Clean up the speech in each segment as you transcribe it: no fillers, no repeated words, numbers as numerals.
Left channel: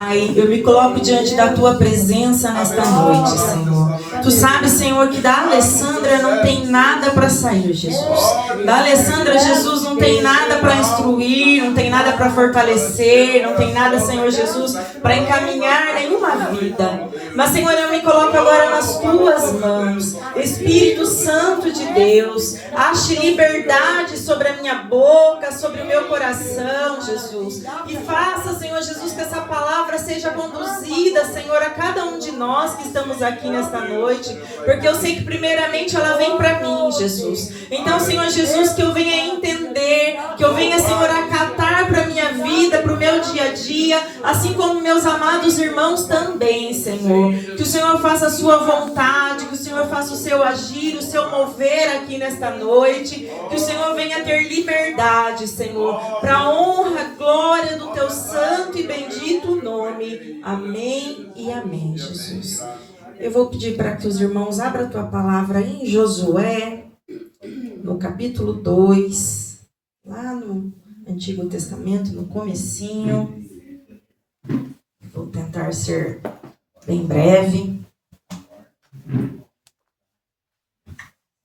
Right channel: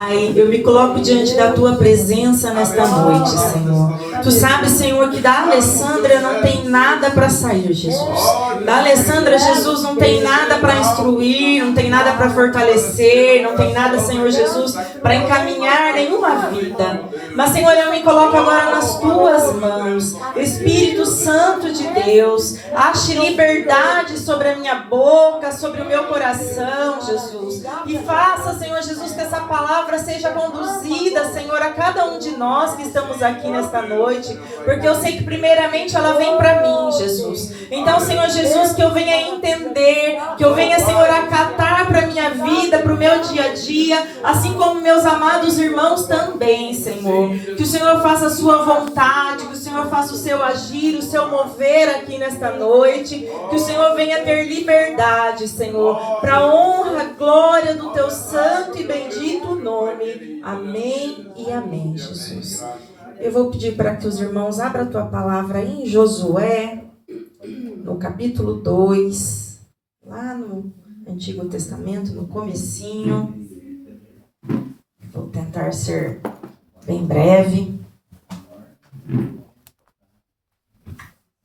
Pai, eu me coloco diante da Tua presença nesta noite, Senhor. Tu sabes, Senhor, que da Alessandra não tem nada para sair, Jesus. Da Alessandra, Jesus, não tem nada para instruir, não tem nada para fortalecer, não tem nada, Senhor Jesus, para encaminhar nenhuma vida. Mas, Senhor, eu me coloco agora nas Tuas mãos. Espírito Santo de Deus, ache liberdade sobre a minha boca, sobre o meu coração, Jesus. E faça, Senhor Jesus, que essa palavra seja conduzida, Senhor, a cada um de nós que estamos aqui nesta noite, porque eu sei que primeiramente ela vem para mim, Jesus. Então, Senhor Jesus, que eu venha entender, que eu venha, Senhor, acatar para a minha vida, para o meu dia a dia, assim como meus amados irmãos também, Senhor. Que o Senhor faça a sua vontade, que o Senhor faça o seu agir, o seu mover aqui nesta noite, que o Senhor venha ter liberdade, Senhor, para a honra, glória do teu santo e bendito nome. Amém e amém, Jesus. Eu vou pedir para que os irmãos abram a tua palavra em Josué, no capítulo 2, lá no Antigo Testamento, no comecinho. Vou tentar ser bem breve.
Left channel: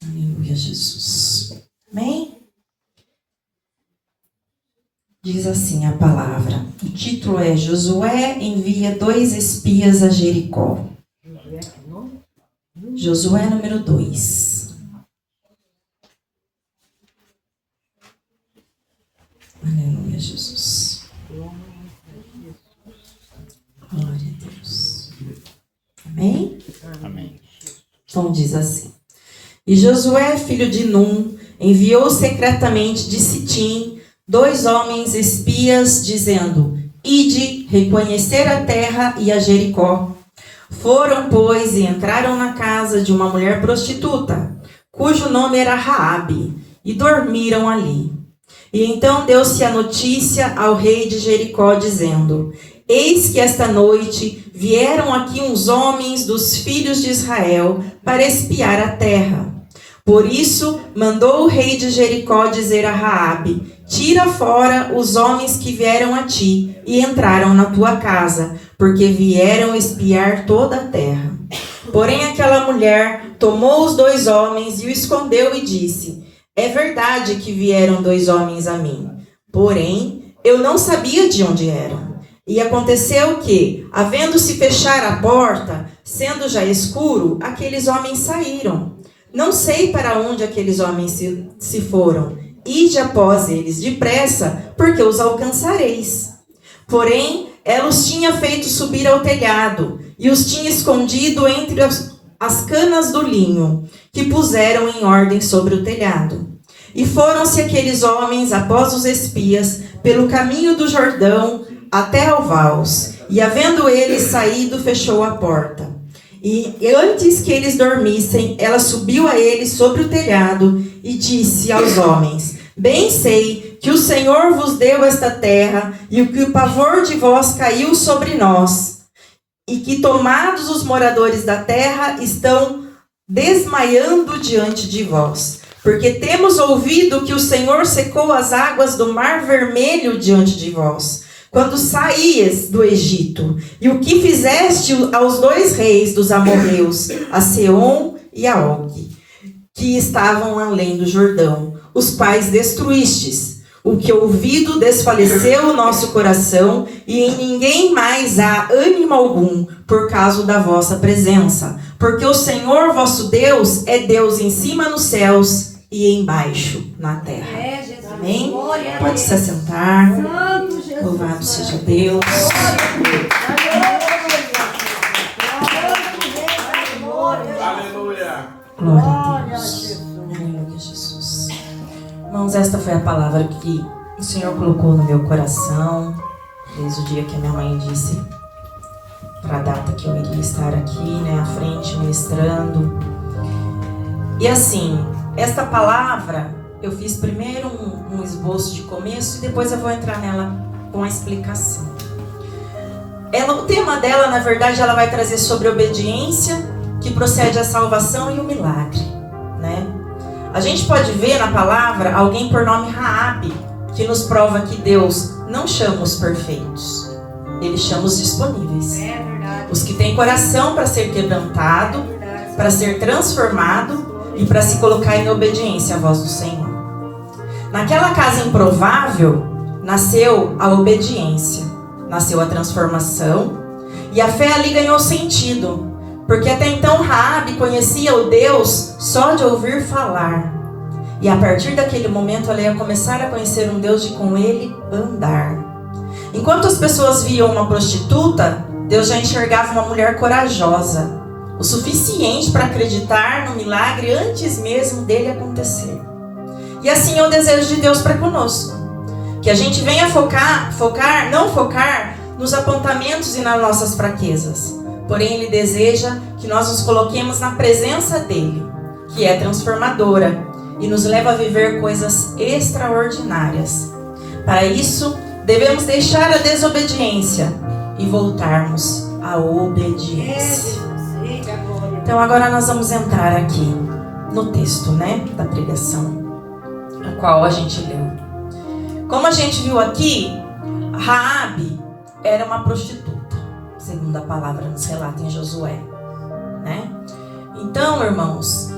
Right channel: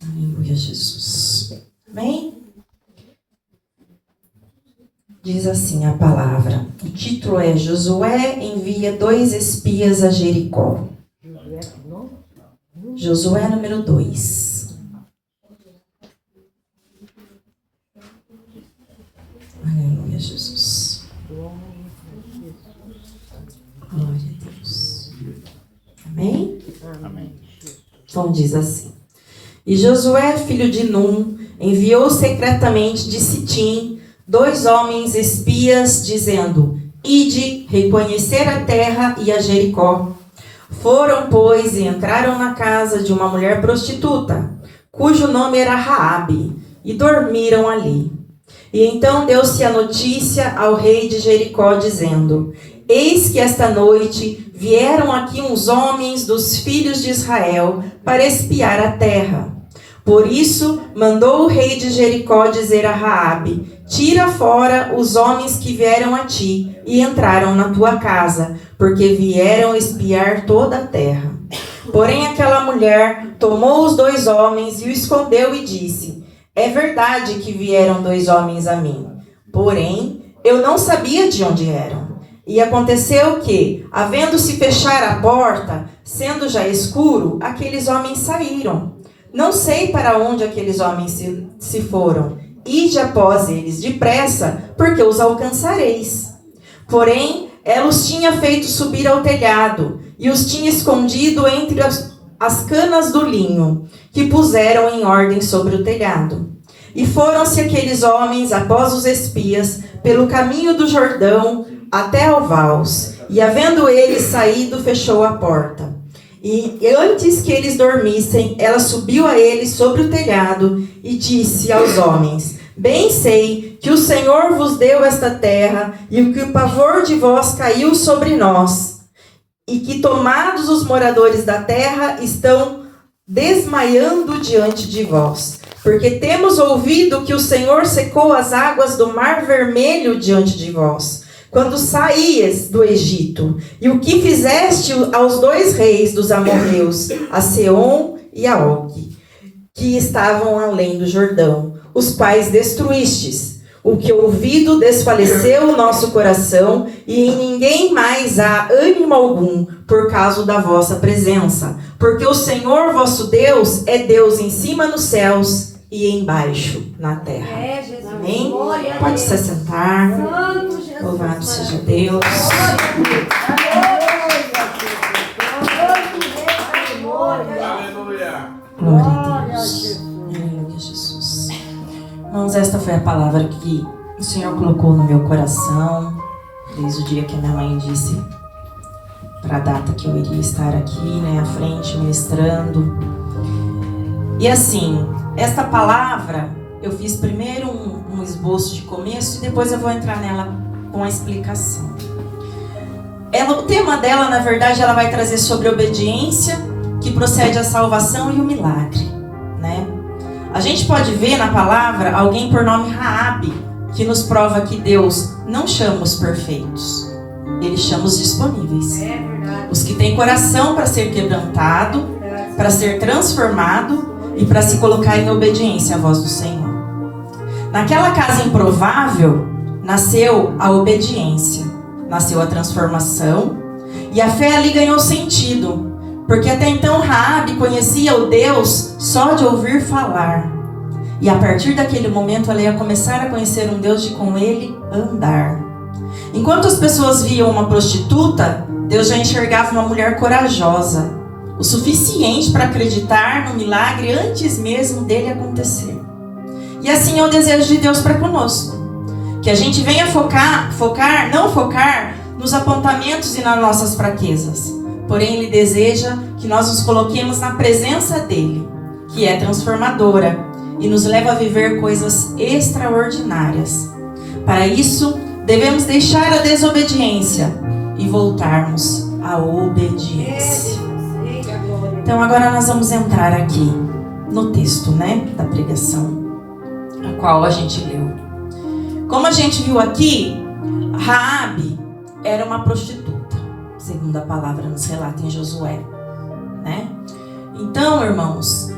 Aleluia, Jesus. Amém? Diz assim a palavra. O título é Josué envia 2 espias a Jericó. Josué número 2. Aleluia, Jesus. Glória a Deus. Amém? Amém. Então diz assim. E Josué, filho de Num, enviou secretamente de Sitim 2 homens espias, dizendo: Ide reconhecer a terra e a Jericó. Foram, pois, e entraram na casa de uma mulher prostituta, cujo nome era Raabe, e dormiram ali. E então deu-se a notícia ao rei de Jericó, dizendo: Eis que esta noite vieram aqui uns homens dos filhos de Israel para espiar a terra. Por isso mandou o rei de Jericó dizer a Raabe: Tira fora os homens que vieram a ti e entraram na tua casa, porque vieram espiar toda a terra. Porém aquela mulher tomou os 2 homens e o escondeu e disse: É verdade que vieram 2 homens a mim, porém eu não sabia de onde eram. E aconteceu que, havendo-se fechar a porta, sendo já escuro, aqueles homens saíram. Não sei para onde aqueles homens se foram. Ide após eles depressa, porque os alcançareis. Porém, ela os tinha feito subir ao telhado, e os tinha escondido entre as canas do linho, que puseram em ordem sobre o telhado. E foram-se aqueles homens após os espias, pelo caminho do Jordão, até ao Vaus, e havendo eles saído, fechou a porta. E antes que eles dormissem, ela subiu a eles sobre o telhado e disse aos homens: Bem sei que o Senhor vos deu esta terra, e que o pavor de vós caiu sobre nós, e que tomados os moradores da terra estão desmaiando diante de vós. Porque temos ouvido que o Senhor secou as águas do Mar Vermelho diante de vós, quando saíes do Egito, e o que fizeste aos 2 reis dos amorreus, a Seom e a Og, que estavam além do Jordão, os quais destruístes. O que ouvido desfaleceu o nosso coração, e em ninguém mais há ânimo algum, por causa da vossa presença. Porque o Senhor vosso Deus é Deus em cima nos céus e embaixo na terra. Amém? Pode se assentar. Louvado seja Deus. Glória a Deus. Aleluia, Jesus. Irmãos, esta foi a palavra que o Senhor colocou no meu coração desde o dia que a minha mãe disse para a data que eu iria estar aqui, à frente, ministrando. E assim, esta palavra, eu fiz primeiro um esboço de começo e depois eu vou entrar nela com a explicação. O tema dela, na verdade, ela vai trazer sobre obediência, que procede à salvação, e o milagre, A gente pode ver na palavra alguém por nome Raabe, que nos prova que Deus não chama os perfeitos. Ele Ele chama os disponíveis. É verdade. Os que têm coração para ser quebrantado, Verdade. para ser transformado e para se colocar em obediência à voz do Senhor. Naquela casa improvável, nasceu a obediência, nasceu a transformação, e a fé ali ganhou sentido, porque até então Raabe conhecia o Deus só de ouvir falar. E a partir daquele momento ela ia começar a conhecer um Deus de com ele andar. Enquanto as pessoas viam uma prostituta, Deus já enxergava uma mulher corajosa, o suficiente para acreditar no milagre antes mesmo dele acontecer. E assim é o desejo de Deus para conosco. Que a gente venha não focar nos apontamentos e nas nossas fraquezas. Porém, Ele deseja que nós nos coloquemos na presença dEle, que é transformadora e nos leva a viver coisas extraordinárias. Para isso, devemos deixar a desobediência e voltarmos à obediência. Então, agora nós vamos entrar aqui no texto, da pregação, a qual a gente leu. Como a gente viu aqui, Raabe era uma prostituta, segundo a palavra nos relata em Josué, Então, irmãos,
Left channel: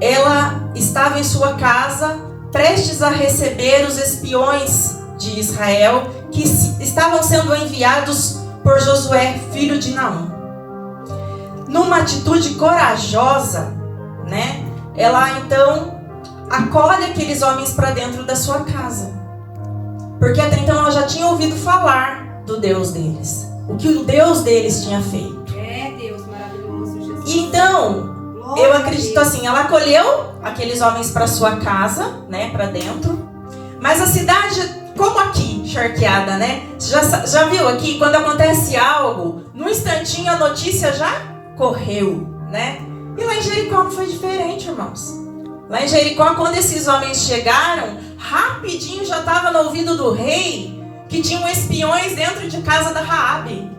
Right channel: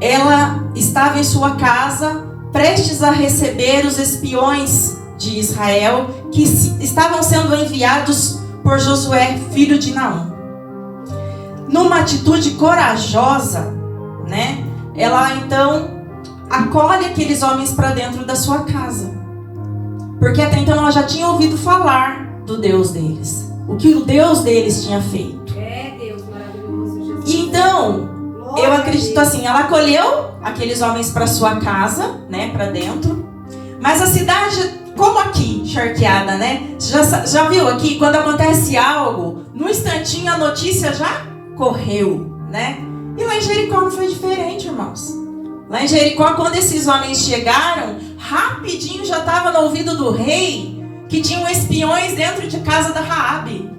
ela estava em sua casa, prestes a receber os espiões de Israel, que estavam sendo enviados por Josué, filho de Naum. Numa atitude corajosa, ela então acolhe aqueles homens para dentro da sua casa. Porque até então ela já tinha ouvido falar do Deus deles, o que o Deus deles tinha feito. É Deus maravilhoso, Jesus. E então, eu acredito assim, ela acolheu aqueles homens para sua casa, para dentro. Mas a cidade, como aqui, charqueada, já viu aqui, quando acontece algo, num instantinho a notícia já correu, E lá em Jericó não foi diferente, irmãos. Lá em Jericó, quando esses homens chegaram, rapidinho já estava no ouvido do rei que tinham espiões dentro de casa da Raabe.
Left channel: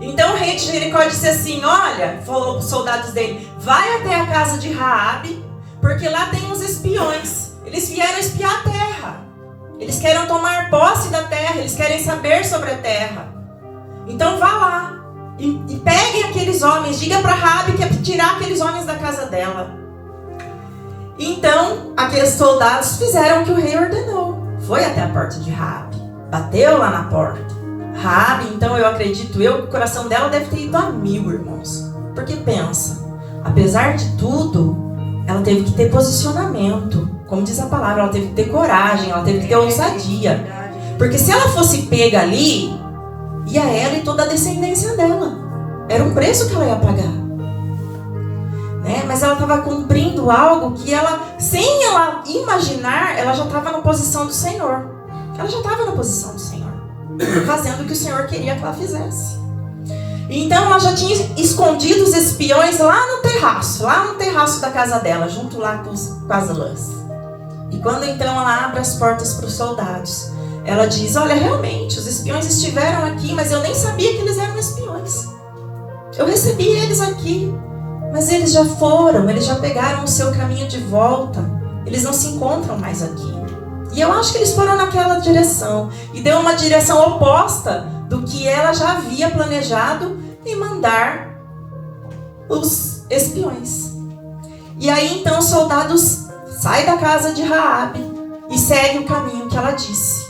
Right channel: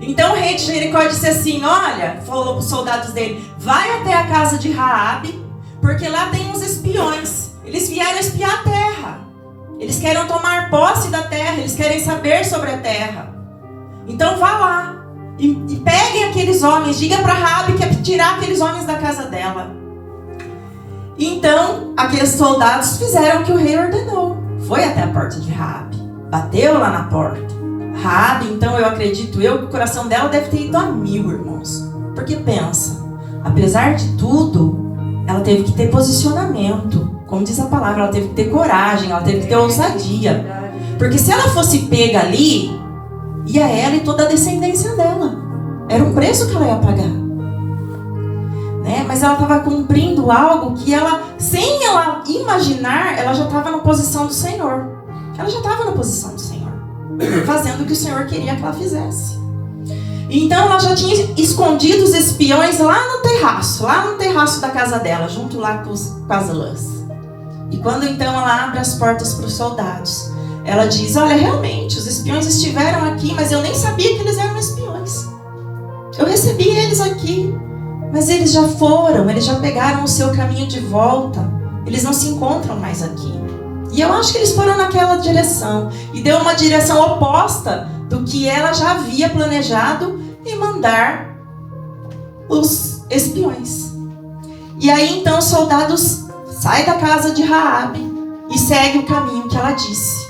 Então o rei de Jericó disse assim, olha, falou para os soldados dele, vai até a casa de Raabe, porque lá tem uns espiões. Eles vieram espiar a terra. Eles querem tomar posse da terra, eles querem saber sobre a terra. Então vá lá e peguem aqueles homens, diga para Raabe que é tirar aqueles homens da casa dela. Então, aqueles soldados fizeram o que o rei ordenou. Foi até a porta de Raabe. Bateu lá na porta. Raabe, então, eu acredito que o coração dela deve ter ido a 1000, irmãos. Porque pensa, apesar de tudo, ela teve que ter posicionamento. Como diz a palavra, ela teve que ter coragem, ela teve que ter ousadia. Porque se ela fosse pega ali, ia ela e toda a descendência dela. Era um preço que ela ia pagar. Mas ela estava cumprindo algo que ela, sem ela imaginar, ela já estava na posição do Senhor. Ela já estava na posição do Senhor, fazendo o que o Senhor queria que ela fizesse. Então ela já tinha escondido os espiões lá no terraço da casa dela, junto lá com as lãs. E quando então ela abre as portas para os soldados, ela diz, olha, realmente, os espiões estiveram aqui, mas eu nem sabia que eles eram espiões. Eu recebi eles aqui. Mas eles já foram, eles já pegaram o seu caminho de volta. Eles não se encontram mais aqui. E eu acho que eles foram naquela direção. E deu uma direção oposta do que ela já havia planejado em mandar os espiões. E aí então os soldados saem da casa de Raabe e seguem o caminho que ela disse.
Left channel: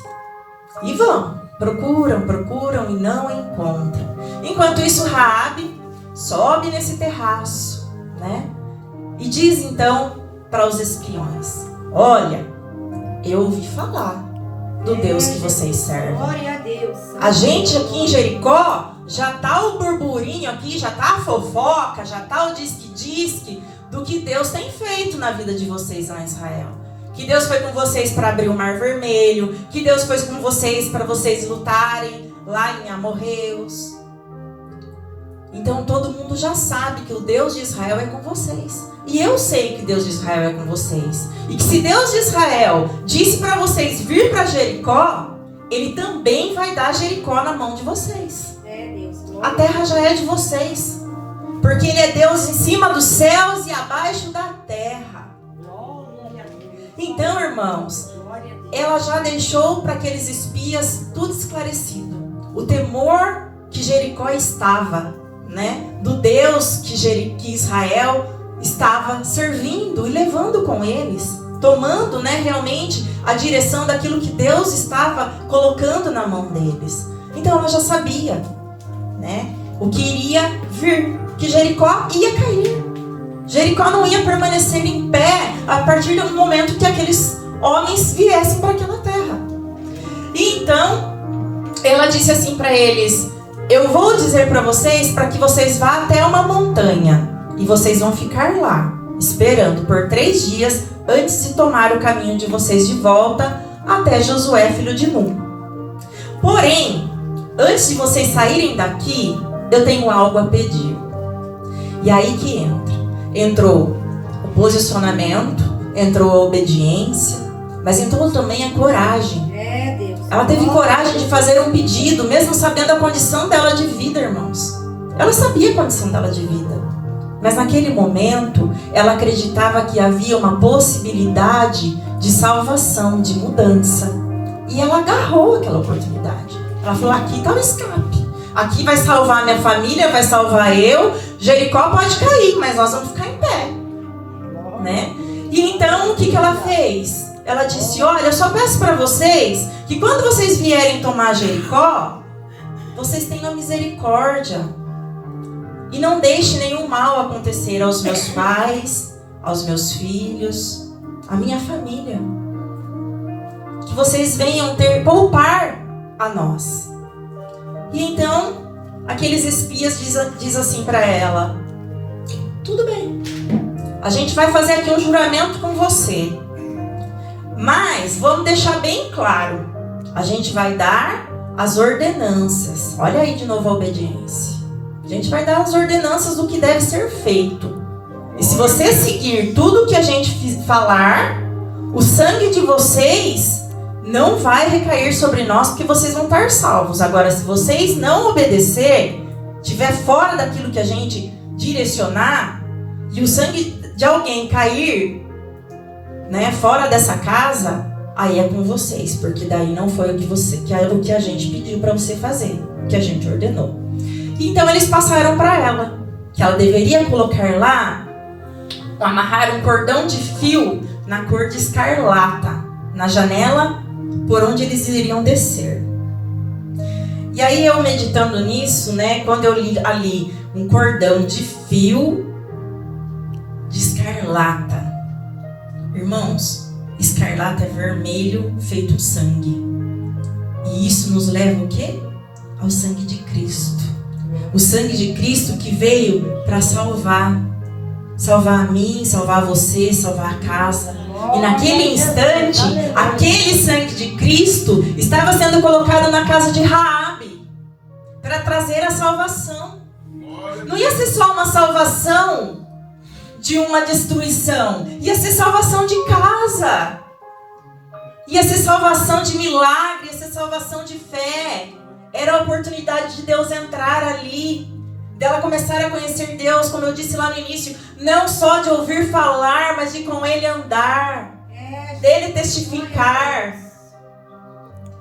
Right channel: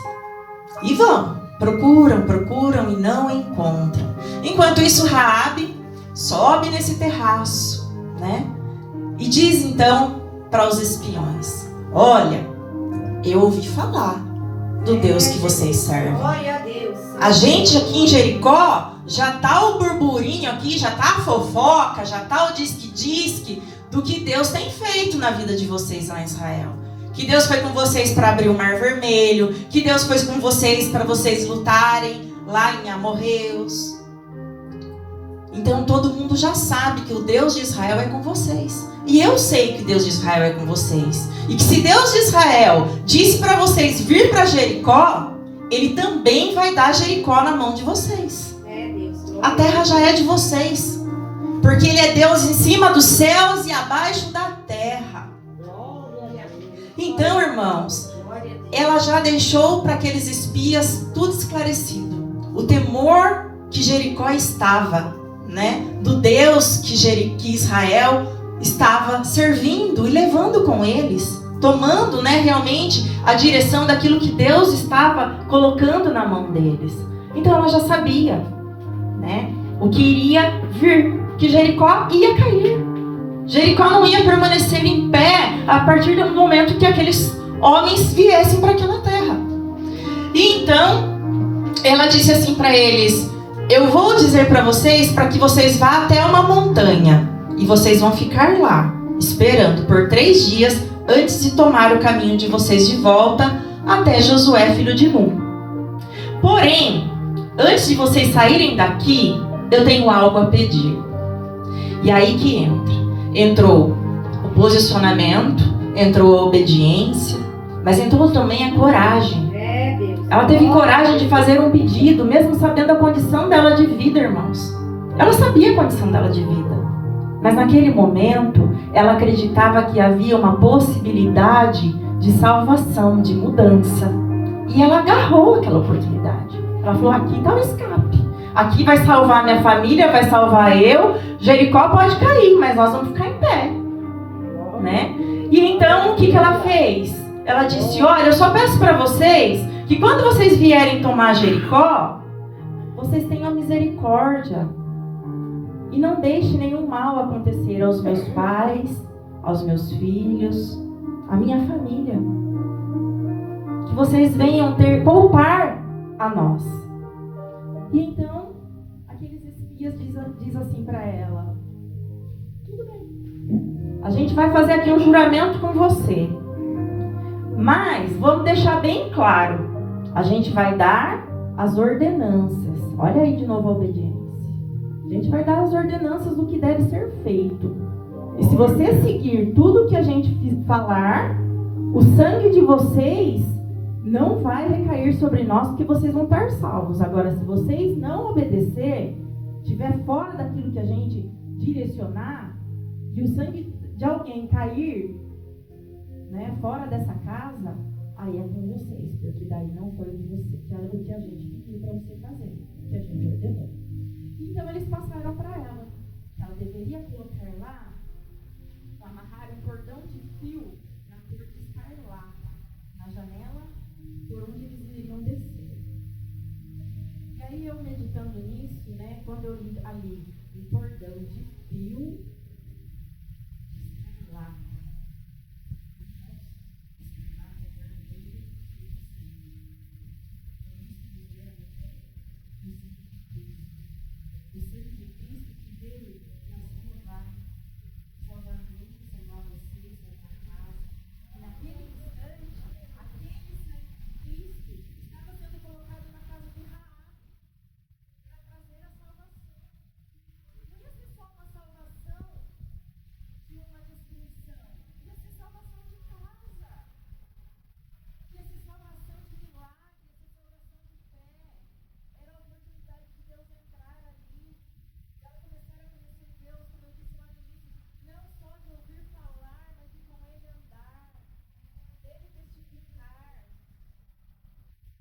E vão, procuram e não encontram. Enquanto isso Raabe sobe nesse terraço, E diz então para os espiões, olha, eu ouvi falar do Deus que vocês servem. Glória a Deus. A gente aqui em Jericó, já tá o burburinho aqui, já tá a fofoca, já tá o disque-disque do que Deus tem feito na vida de vocês lá em Israel. Que Deus foi com vocês para abrir o Mar Vermelho, que Deus foi com vocês para vocês lutarem lá em Amorreus. Então todo mundo já sabe que o Deus de Israel é com vocês. E eu sei que Deus de Israel é com vocês. E que se Deus de Israel disse para vocês vir para Jericó, Ele também vai dar Jericó na mão de vocês. É Deus. A terra já é de vocês. Porque Ele é Deus em cima dos céus e abaixo da terra. Glória a Deus. Então, irmãos, Glória a Deus. ela já deixou para aqueles espias tudo esclarecido. O temor que Jericó estava, né? Do Deus que Israel estava servindo e levando com eles, tomando, né, realmente a direção daquilo que Deus estava colocando na mão deles. Então ela já sabia, né, o que iria vir, que Jericó ia cair. Jericó não ia permanecer em pé a partir do momento que aqueles homens viessem para aquela terra. E então ela disse assim para eles: eu vou dizer para vocês para que vocês vá até uma montanha e vocês vão ficar lá esperando por 3 dias antes de tomar o caminho de vocês de volta até Josué, filho de Num. Porém, antes de vocês saírem daqui, eu tenho algo a pedir. E aí que entrou o posicionamento, entrou a obediência, mas entrou também a coragem. Ela teve coragem de fazer um pedido, mesmo sabendo a condição dela de vida, irmãos. Ela sabia a condição dela de vida. Mas naquele momento, ela acreditava que havia uma possibilidade de salvação, de mudança. E ela agarrou aquela oportunidade. Ela falou: aqui está o escape. Aqui vai salvar minha família, vai salvar eu. Jericó pode cair, mas nós vamos ficar em pé. Né? E então, o que ela fez? Ela disse: olha, eu só peço para vocês que quando vocês vierem tomar Jericó, vocês tenham misericórdia. E não deixe nenhum mal acontecer aos meus pais, aos meus filhos, à minha família. Que vocês venham poupar a nós. E então, aqueles espias diz assim para ela: tudo bem, a gente vai fazer aqui um juramento com você. Mas vamos deixar bem claro, a gente vai dar as ordenanças. Olha aí de novo a obediência. A gente vai dar as ordenanças do que deve ser feito. E se você seguir tudo o que a gente falar, o sangue de vocês não vai recair sobre nós, porque vocês vão estar salvos. Agora, se vocês não obedecer, estiver fora daquilo que a gente direcionar, e o sangue de alguém cair, né, fora dessa casa, aí é com vocês, porque daí não foi o que a gente pediu para você fazer, o que a gente ordenou. Então eles passaram para ela que ela deveria colocar lá, amarrar um cordão de fio na cor de escarlata na janela por onde eles iriam descer. E aí eu meditando nisso, né, quando eu li ali um cordão de fio de escarlata, irmãos, escarlata é vermelho feito sangue. E isso nos leva o quê? Ao sangue de Cristo. O sangue de Cristo que veio para salvar. Salvar a mim, salvar você, salvar a casa. E naquele instante, aquele sangue de Cristo estava sendo colocado na casa de Raabe para trazer a salvação. Não ia ser só uma salvação de uma destruição, ia ser salvação de casa, ia ser salvação de milagre, ia ser salvação de fé. Era a oportunidade de Deus entrar ali, dela começar a conhecer Deus, como eu disse lá no início, não só de ouvir falar, mas de com Ele andar, dele testificar.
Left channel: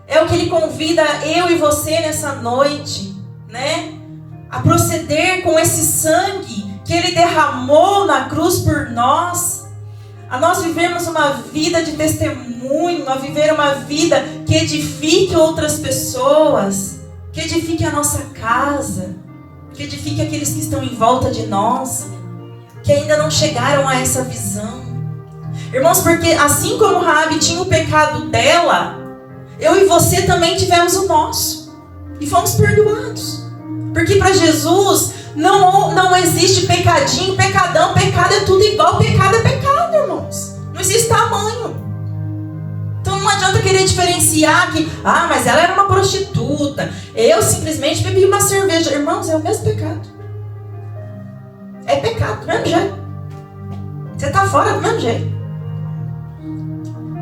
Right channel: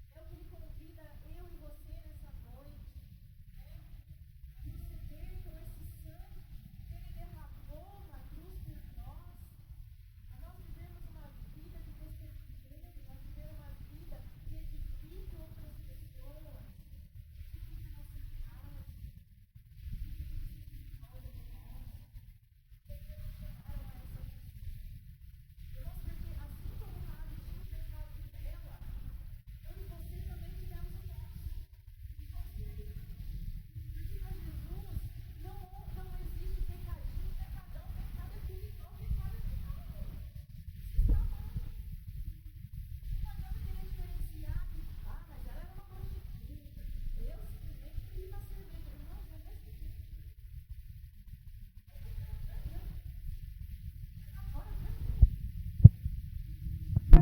É o que Ele convida eu e você nessa noite, né? A proceder com esse sangue que Ele derramou na cruz por nós, a nós vivermos uma vida de testemunho, a viver uma vida que edifique outras pessoas, que edifique a nossa casa, que edifique aqueles que estão em volta de nós, que ainda não chegaram a essa visão. Irmãos, porque assim como Raabe tinha o pecado dela, eu e você também tivemos o nosso, e fomos perdoados. Porque para Jesus não existe pecadinho, pecadão, pecado é tudo igual, pecado é pecado, irmãos. Não existe tamanho. Então não adianta querer diferenciar que, mas ela era uma prostituta, eu simplesmente bebi uma cerveja. Irmãos, é o mesmo pecado. É pecado, do mesmo jeito. Você está fora do mesmo jeito.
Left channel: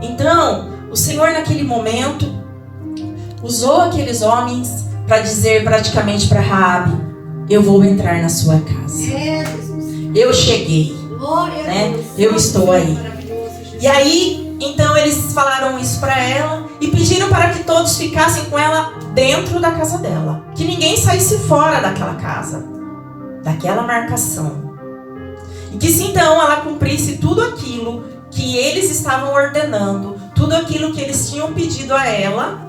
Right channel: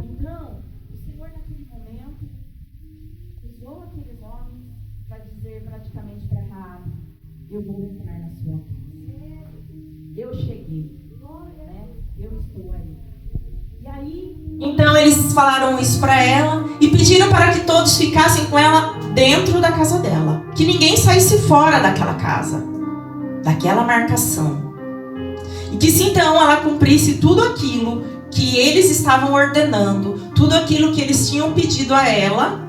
Então, o Senhor naquele momento usou aqueles homens para dizer praticamente para Raabe: eu vou entrar na sua casa. Eu cheguei, né? Eu estou aí. E aí, então eles falaram isso para ela e pediram para que todos ficassem com ela dentro da casa dela. Que ninguém saísse fora daquela casa, daquela marcação. E que se então ela cumprisse tudo aquilo que eles estavam ordenando, tudo aquilo que eles tinham pedido a ela,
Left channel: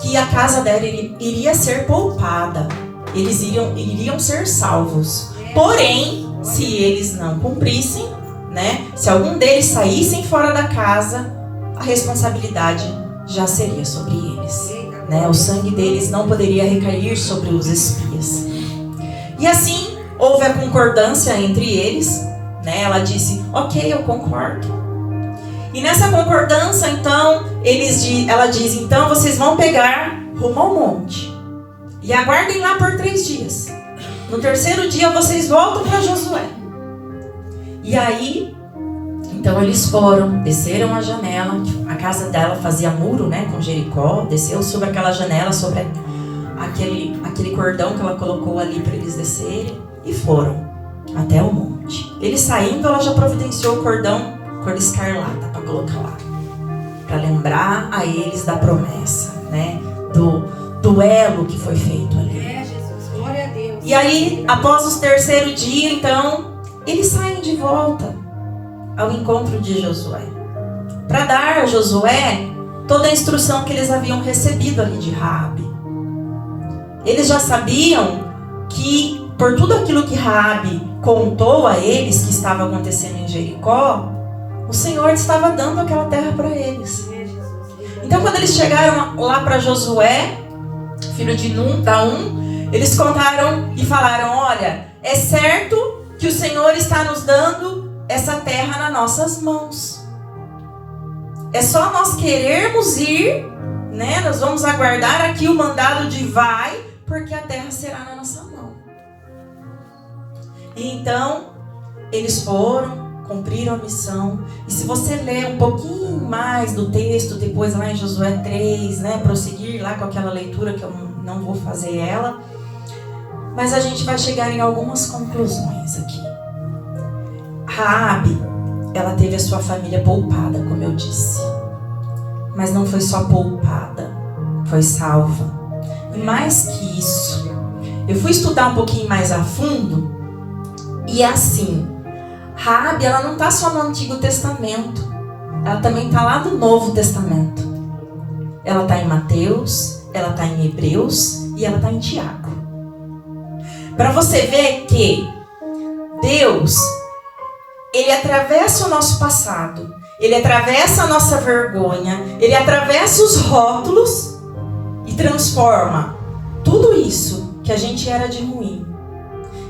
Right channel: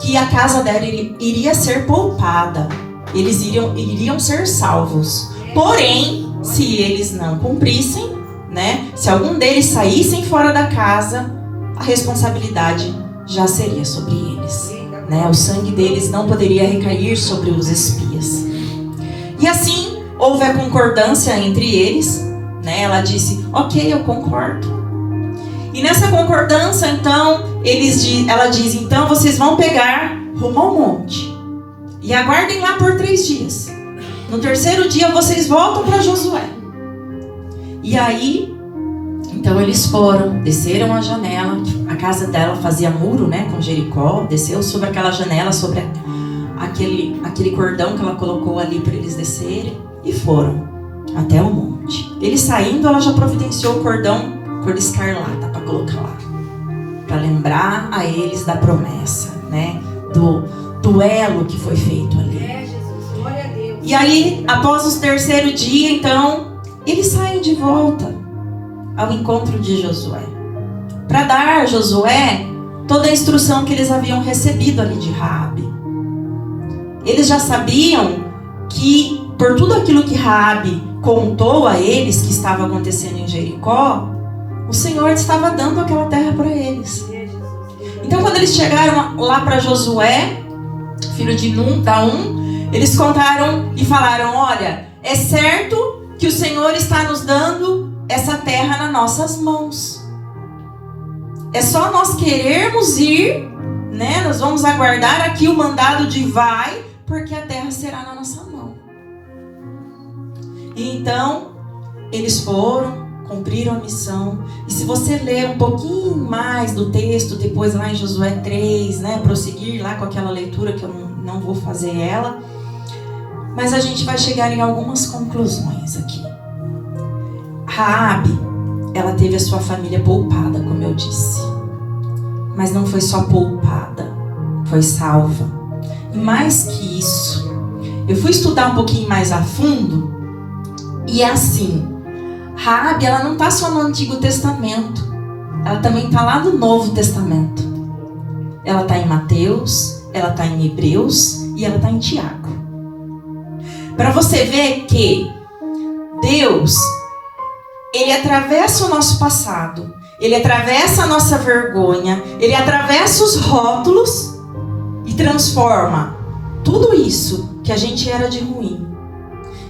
que a casa dela iria ser poupada. Eles iriam ser salvos. Porém, se eles não cumprissem, né, se algum deles saíssem fora da casa, a responsabilidade já seria sobre eles, né? O sangue deles não poderia recair sobre os espias. E assim houve a concordância entre eles, né? Ela disse: ok, eu concordo. E nessa concordância, então, ela diz: então vocês vão pegar rumo ao monte e aguardem lá por 3 dias. No terceiro dia vocês voltam para Josué. E aí, então eles foram, desceram a janela. A casa dela fazia muro, né, com Jericó. Desceu sobre aquela janela, sobre aquele cordão que ela colocou ali para eles descerem. E foram até o monte. Eles saindo, ela já providenciou o cordão cor de escarlata para colocar lá, para lembrar a eles da promessa, né, do duelo que foi feito ali. Jesus, glória a Deus. E aí, após o terceiro dia, então, eles saem de volta ao encontro de Josué, para dar a Josué toda a instrução que eles haviam recebido ali de Raabe. Eles já sabiam que, por tudo aquilo que Raabe contou a eles que estava acontecendo em Jericó, o Senhor estava dando aquela terra para eles. Então, quando eles chegaram lá para Josué, filho de Nun, eles contaram e falaram: olha, é certo que o Senhor está nos dando essa terra nas nossas mãos. É só nós querermos ir, né? Nós vamos aguardar aqui o mandado de vai, porque a terra será na nossa mão. E então, eles foram, cumpriram a missão. E se você ler um pouquinho mais do texto, depois lá em Josué 3, né, prosseguir lá com aquela leitura que eu não vou fazer ela, mas a gente vai chegar em algumas conclusões aqui. Raabe, ela teve a sua família poupada, como eu disse. Mas não foi só poupada, foi salva. E mais que isso, eu fui estudar um pouquinho mais a fundo, e é assim, Raabe, ela não está só no Antigo Testamento, ela também está lá no Novo Testamento. Ela está em Mateus, ela está em Hebreus e ela está em Tiago. Para você ver que Deus, Ele atravessa o nosso passado, Ele atravessa a nossa vergonha, Ele atravessa os rótulos e transforma tudo isso que a gente era de ruim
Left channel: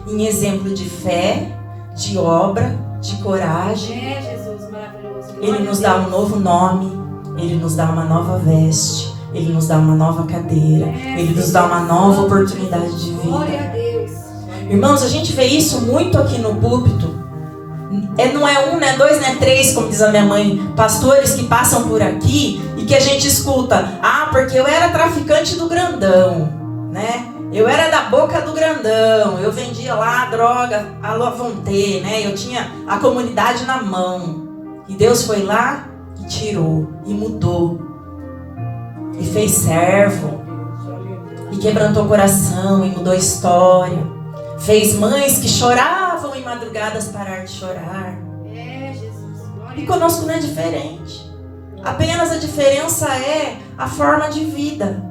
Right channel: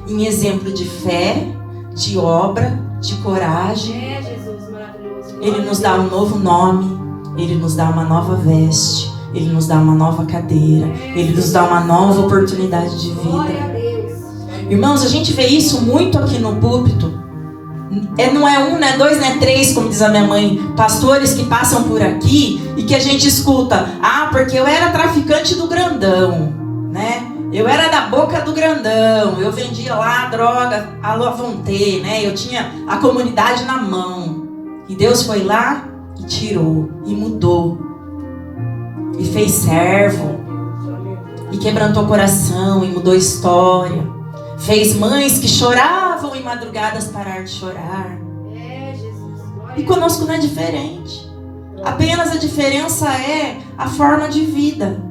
em exemplo de fé, de obra, de coragem. Jesus, maravilhoso. Ele nos dá um novo nome, Ele nos dá uma nova veste, Ele nos dá uma nova cadeira, Ele nos dá uma nova oportunidade de Glória a vida. Deus. Irmãos, a gente vê isso muito aqui no púlpito. Não é um, não é dois, não é três, como diz a minha mãe, pastores que passam por aqui e que a gente escuta: ah, porque eu era traficante do grandão, né? Eu era da boca do grandão, eu vendia lá droga à vontade, né? Eu tinha a comunidade na mão. E Deus foi lá e tirou, e mudou. E fez servo. E quebrantou o coração, e mudou a história. Fez mães que choravam em madrugadas parar de chorar. Jesus. E conosco não é diferente. Apenas a diferença é a forma de vida,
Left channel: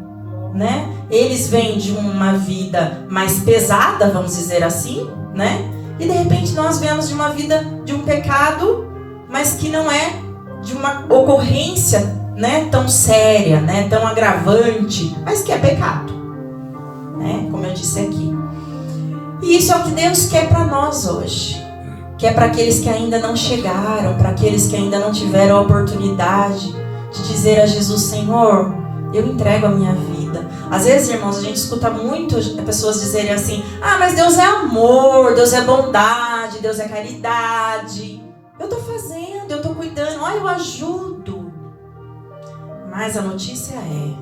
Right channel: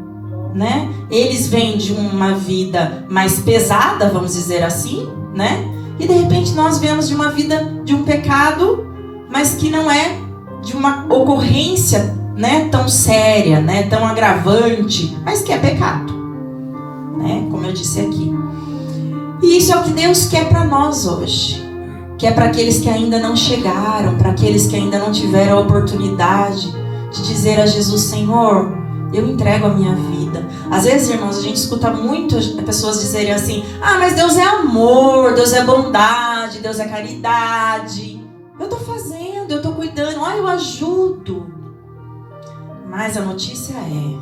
né? Eles vêm de uma vida mais pesada, vamos dizer assim, né? E de repente nós vemos de uma vida de um pecado, mas que não é de uma ocorrência, né, tão séria, né, tão agravante, mas que é pecado, né? Como eu disse aqui. E isso é o que Deus quer para nós hoje. Que é para aqueles que ainda não chegaram, para aqueles que ainda não tiveram a oportunidade de dizer a Jesus: Senhor, eu entrego a minha vida. Às vezes, irmãos, a gente escuta muito pessoas dizerem assim: ah, mas Deus é amor, Deus é bondade, Deus é caridade. Eu estou fazendo, eu estou cuidando, eu ajudo. Mas a notícia é,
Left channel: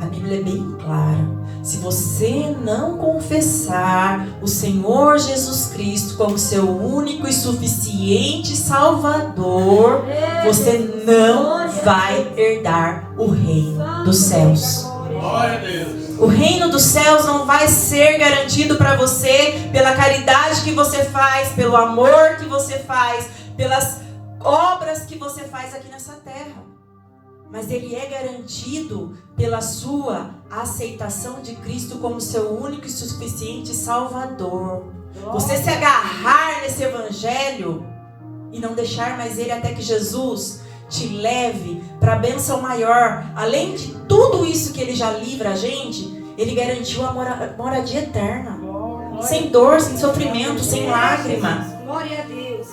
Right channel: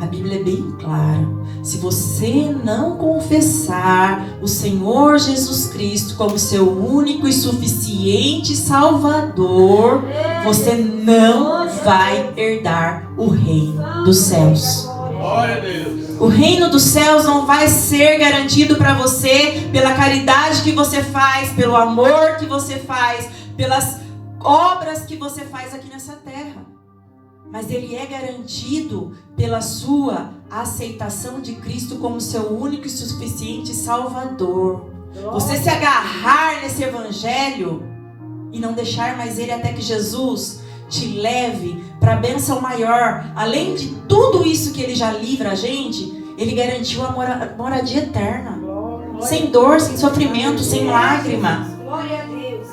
a Bíblia é bem clara: se você não confessar o Senhor Jesus Cristo como seu único e suficiente Salvador, você não vai herdar o reino dos céus. Glória a Deus. O reino dos céus não vai ser garantido para você pela caridade que você faz, pelo amor que você faz, pelas obras que você faz aqui nessa terra. Mas ele é garantido pela sua aceitação de Cristo como seu único e suficiente Salvador. Você se agarrar nesse evangelho e não deixar mais ele até que Jesus te leve para a bênção maior. Além de tudo isso que ele já livra a gente, ele garantiu a moradia eterna. Sem dor, sem sofrimento, sem lágrima. Glória a Deus.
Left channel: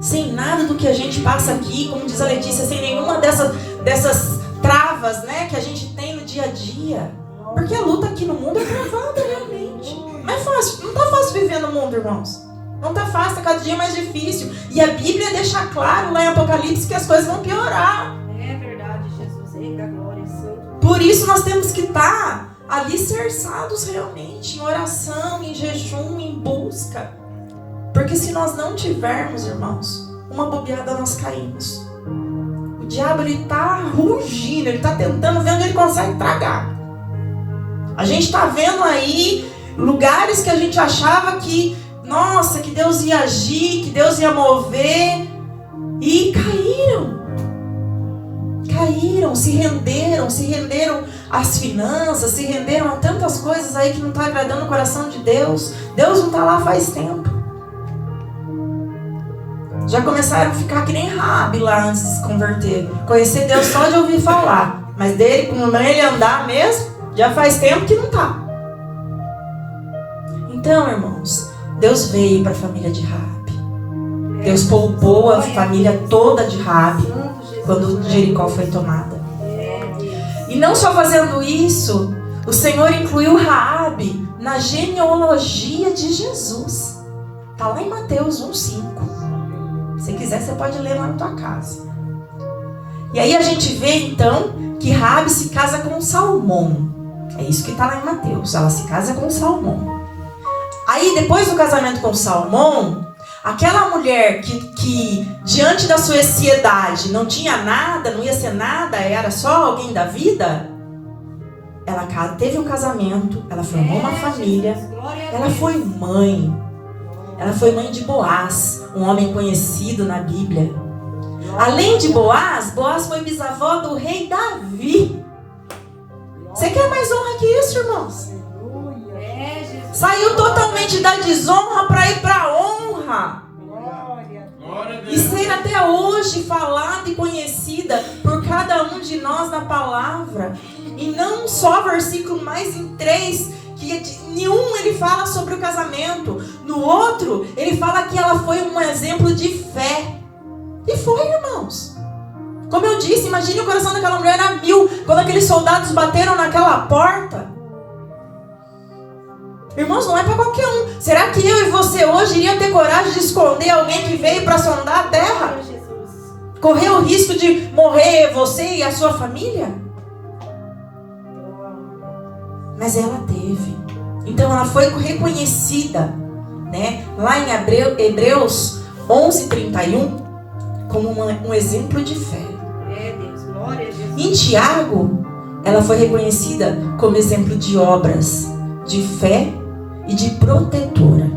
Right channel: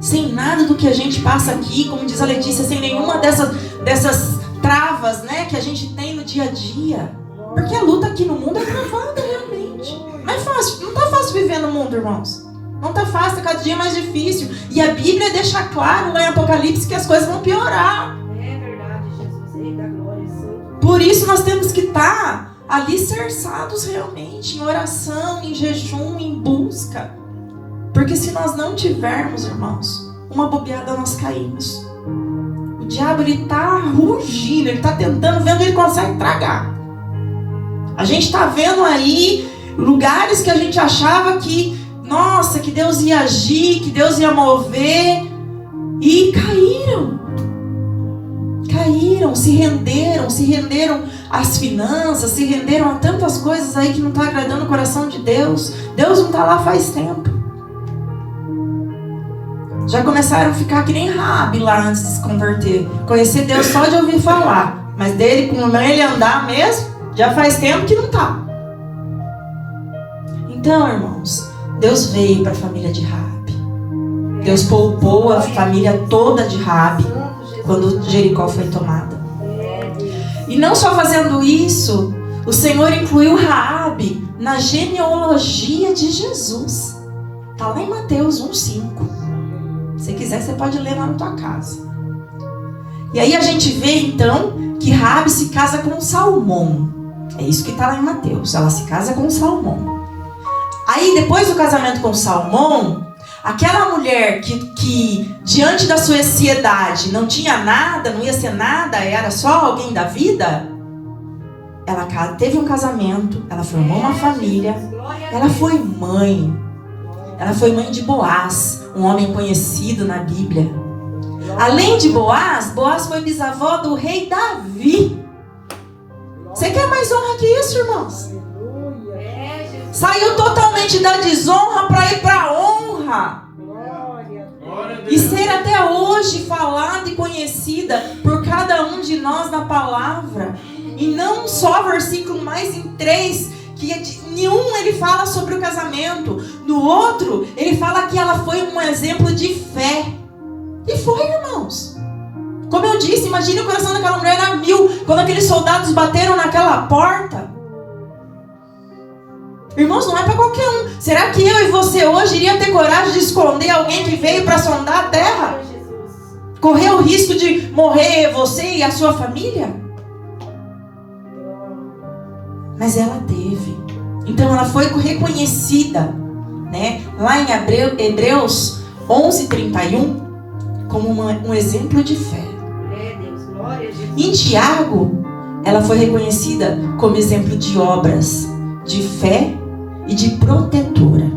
Sem nada do que a gente passa aqui, como diz a Letícia, sem nenhuma dessas travas, né, que a gente tem no dia a dia. Porque a luta aqui no mundo é travada realmente. Não é fácil, não tá fácil viver no mundo, irmãos. Não tá fácil, tá cada dia mais difícil. E a Bíblia deixa claro lá em Apocalipse que as coisas vão piorar. É verdade, Jesus. Eita, glória, Santo. Por isso nós temos que estar alicerçados realmente em oração, em jejum, em busca. Porque se nós não tivermos, irmãos, uma bobeada nós caímos. O diabo, ele tá rugindo, ele tá tentando ver onde ele consegue tragar. A gente tá vendo aí lugares que a gente achava que, nossa, que Deus ia agir, que Deus ia mover, e caíram, se renderam às finanças, se renderam a tantas coisas aí que não tá agradando o coração de Deus. Deus não tá lá faz tempo. Já começaram a ficar que nem Raabe lá antes de se converter. Conhecer Deus só de ouvir falar. Mas dele, como ele andar mesmo, já faz tempo que não tá. Então, irmãos, Deus veio para a família de Raabe. Deus poupou a família toda de Raabe quando Jericó foi tomada. E não só fazendo isso, o Senhor incluiu Raabe na genealogia de Jesus. Está lá em Mateus 1:5. Se quiser, você pode ler lá na tua casa. E aí a gente vê então que Raabe se casa com Salmão. É isso que está lá em Mateus. Ela se casa com Salmão. Aí depois do casamento com Salmão, aquela mulher que diante da sua ansiedade não tinha nada, não ia ser nada, era só alguém da vida, ela teve um casamento, ela formou uma família, ela foi mãe. Ela foi mãe de Boaz, um homem conhecido na Bíblia. Além de Boaz, Boaz foi bisavó do rei Davi. Você quer mais honra que isso, irmãos? Saiu totalmente da desonra para ir para a honra. E ser até hoje falada e conhecida por cada um de nós na palavra. E não só versículo, mas em 3, que em um ele fala sobre o casamento. No outro, ele fala que ela foi um exemplo de fé. E foi, irmãos. Como eu disse, imagine o coração daquela mulher a 1000, quando aqueles soldados bateram naquela porta. Irmãos, não é para qualquer um. Será que eu e você hoje iriam ter coragem de esconder alguém que veio para sondar a terra? Correr o risco de morrer você e a sua família? Mas ela teve. Então ela foi reconhecida, né? Lá em Hebreus 11:31, como um exemplo de fé. Em Tiago, ela foi reconhecida como exemplo de obras, de fé e de protetora.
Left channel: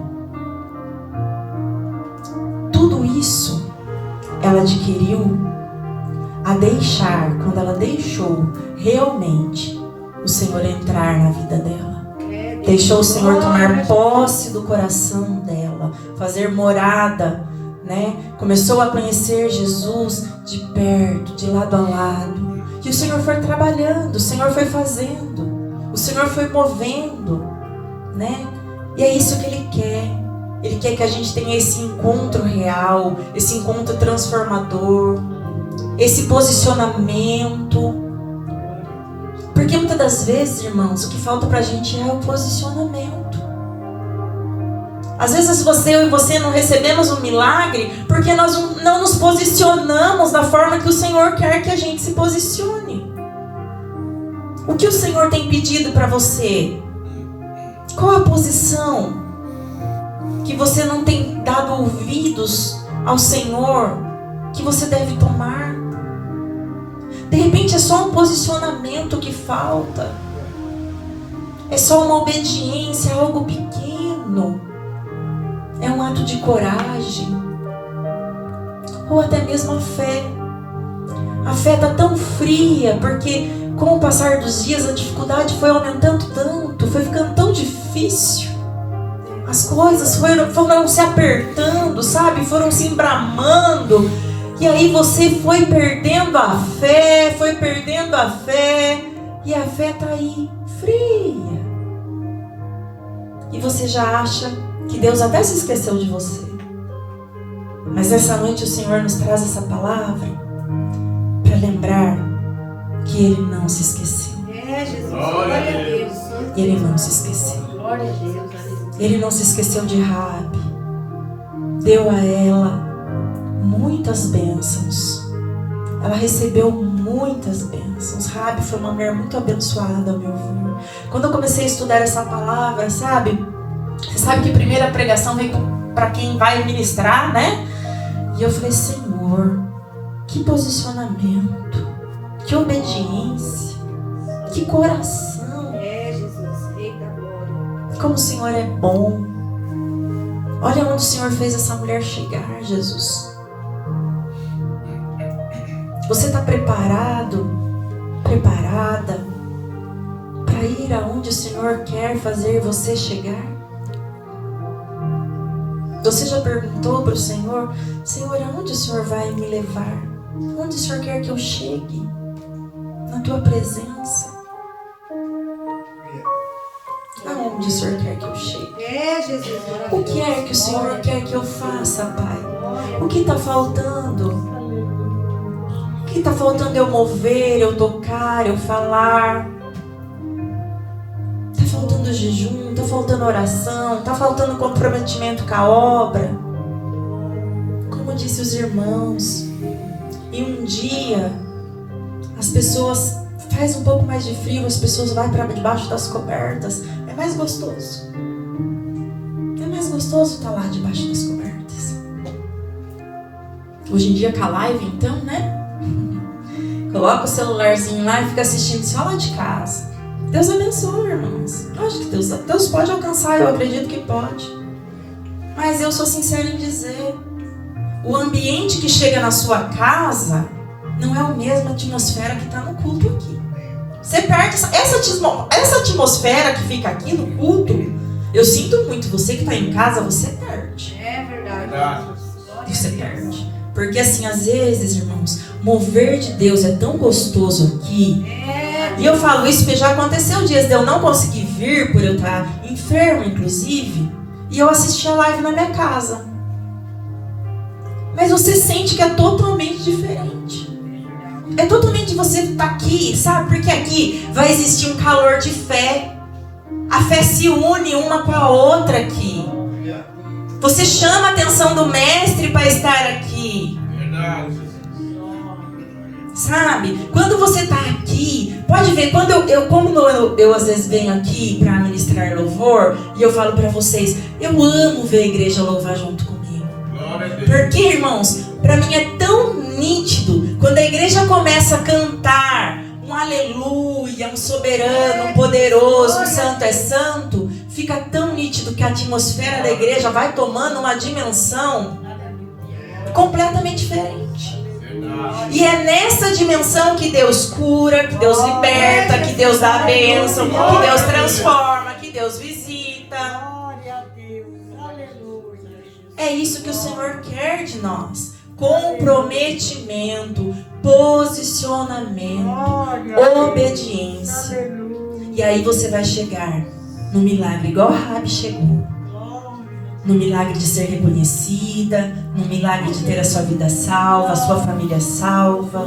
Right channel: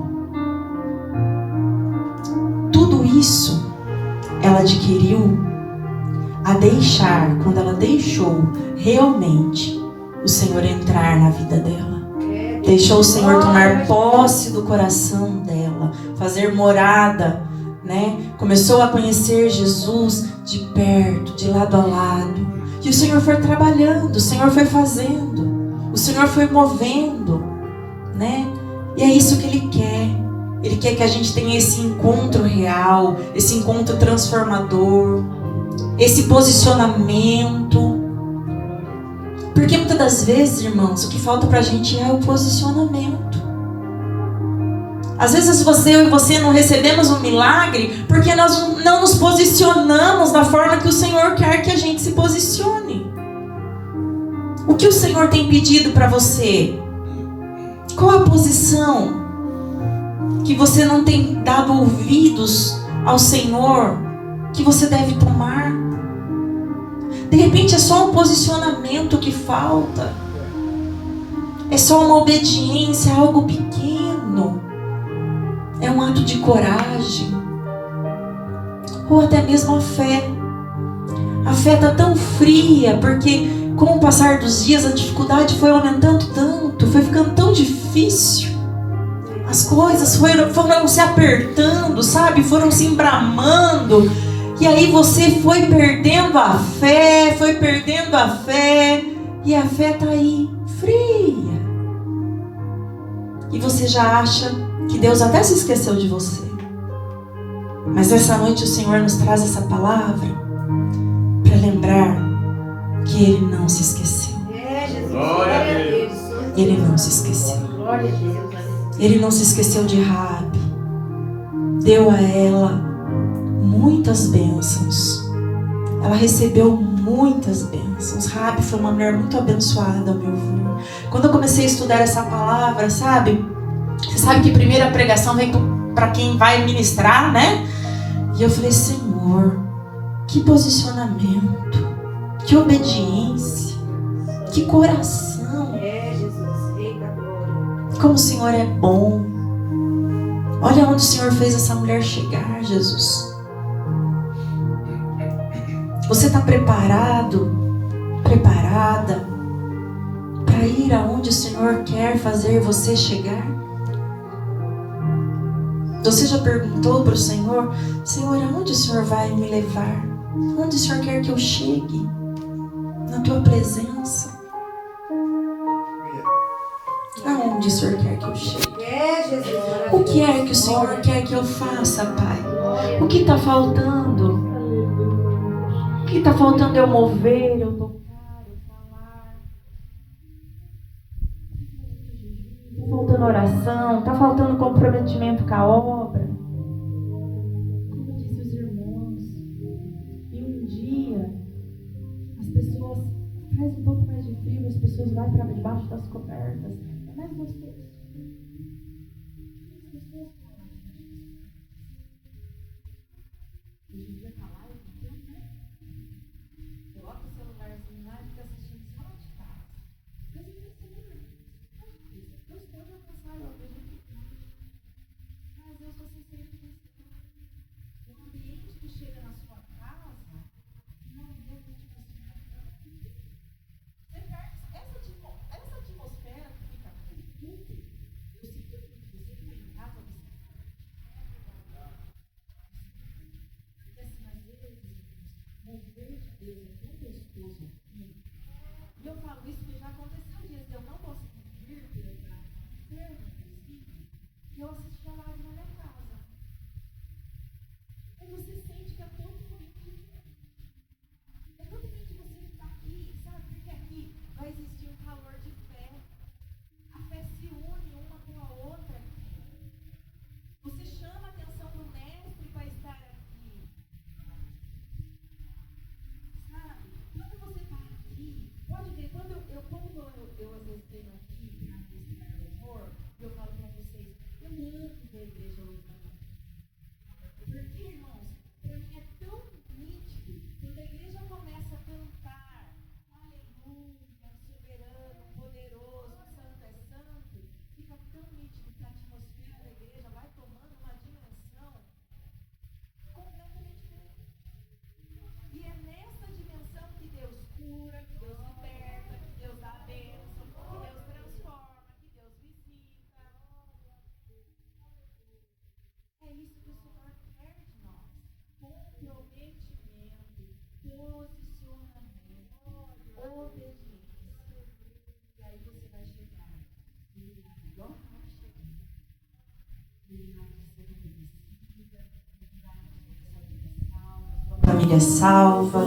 Tudo isso ela adquiriu a deixar, quando ela deixou realmente o Senhor entrar na vida dela. Deixou o Senhor tomar posse do coração dela, fazer morada, né? Começou a conhecer Jesus de perto, de lado a lado. E o Senhor foi trabalhando, o Senhor foi fazendo, o Senhor foi movendo, né? E é isso que Ele quer. Ele quer que a gente tenha esse encontro real, esse encontro transformador, esse posicionamento. Porque muitas das vezes, irmãos, o que falta pra gente é o posicionamento. Às vezes eu e você não recebemos um milagre porque nós não nos posicionamos da forma que o Senhor quer que a gente se posicione. O que o Senhor tem pedido para você? Qual a posição que você não tem dado ouvidos ao Senhor que você deve tomar? De repente é só um posicionamento que falta. É só uma obediência, algo pequeno. É um ato de coragem. Ou até mesmo a fé. A fé está tão fria, porque com o passar dos dias a dificuldade foi aumentando tanto, foi ficando tão difícil. As coisas foram se apertando, sabe? Foram se embramando. E aí você foi perdendo a fé, e a fé está aí, fria. E você já acha que Deus até se esqueceu de você. Mas essa noite o Senhor nos traz essa palavra para lembrar que Ele não se esqueceu. Jesus. Glória a Deus. Ele não se esqueceu. Glória a Deus. Ele não se esqueceu de Raabe. Deu a ela muitas bênçãos. Ela recebeu muitas bênçãos. Raabe foi uma mulher muito abençoada, ao meu ver. Quando eu comecei a estudar essa palavra, sabe? Você sabe que a primeira pregação vem para quem vai ministrar, né? E eu falei, Senhor, que posicionamento, que obediência, que coração. Jesus. Eita glória. Como o Senhor é bom. Olha onde o Senhor fez essa mulher chegar, Jesus. Você está preparado, preparada para ir aonde o Senhor quer fazer você chegar? Você já perguntou para o Senhor, Senhor, aonde o Senhor vai me levar? Onde o Senhor quer que eu chegue? Na tua presença. Aonde o Senhor quer que eu chegue? Jesus. O que é que o Senhor quer que eu faça, Pai? O que está faltando? O que está faltando eu mover, eu tocar, eu falar? Está faltando jejum, está faltando oração, está faltando comprometimento com a obra. Como disse os irmãos, e um dia as pessoas, faz um pouco mais de frio, as pessoas vão para debaixo das cobertas. É mais gostoso. É mais gostoso estar lá debaixo das cobertas. Hoje em dia com a live, então, né? Coloca o celularzinho lá e fica assistindo só lá de casa. Deus abençoe, irmãos. Lógico que Deus pode alcançar, eu acredito que pode. Mas eu sou sincera em dizer, o ambiente que chega na sua casa não é a mesma atmosfera que está no culto aqui. Você perde essa atmosfera que fica aqui no culto. Eu sinto muito, você que está em casa, você perde. É verdade. Você perde. Porque assim, às vezes, irmãos, mover de Deus é tão gostoso aqui. E eu falo isso porque já aconteceu dias de eu não conseguir vir, por eu estar enfermo, inclusive, e eu assisti a live na minha casa. Mas você sente que é totalmente diferente. É totalmente você estar aqui, sabe? Porque aqui vai existir um calor de fé. A fé se une uma com a outra aqui. Você chama a atenção do mestre para estar aqui. Sabe? Quando você está aqui, pode ver, quando eu às vezes venho aqui para ministrar louvor, e eu falo para vocês, eu amo ver a igreja louvar junto comigo. Porque, irmãos, para mim é tão nítido, quando a igreja começa a cantar um aleluia, um soberano, um poderoso, um santo é santo, fica tão nítido que a atmosfera da igreja vai tomando uma dimensão completamente diferente. E é nessa dimensão que Deus cura, que Deus liberta, que Deus dá a bênção, que Deus transforma, que Deus visita. É isso que o Senhor quer de nós. Comprometimento, posicionamento, obediência. E aí você vai chegar no milagre igual Raabe chegou. No milagre de ser reconhecida, no milagre de ter a sua vida salva, a sua família salva,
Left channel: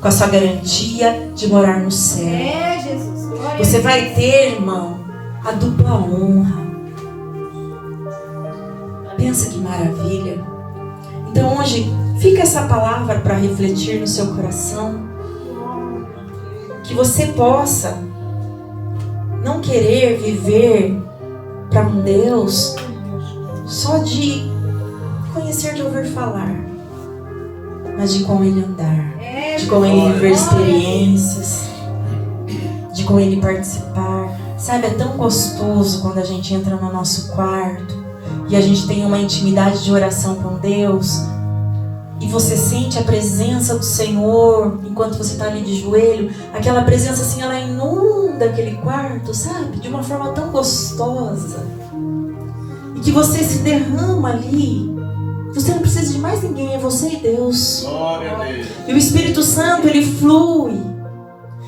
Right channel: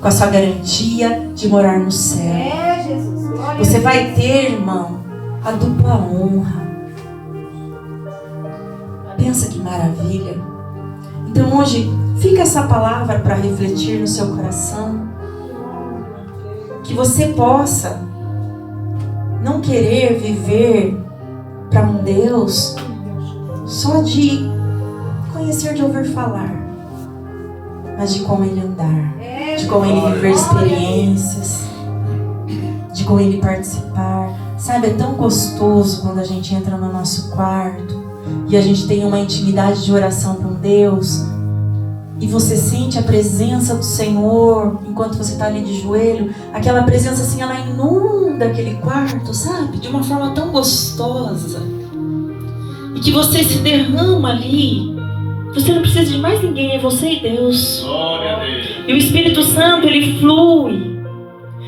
com a sua garantia de morar no céu. Você vai ter, irmão, a dupla honra. Pensa que maravilha. Então hoje, fica essa palavra para refletir no seu coração. Que você possa não querer viver para um Deus só de conhecer, de ouvir falar, mas de como Ele andar. de com Ele viver experiências, de com Ele participar. Sabe, é tão gostoso quando a gente entra no nosso quarto e a gente tem uma intimidade de oração com Deus e você sente a presença do Senhor enquanto você está ali de joelho. Aquela presença assim, ela inunda aquele quarto, sabe? De uma forma tão gostosa. E que você se derrama ali. Você não precisa de mais ninguém, é você e Deus. Glória a Deus. E o Espírito Santo, ele flui.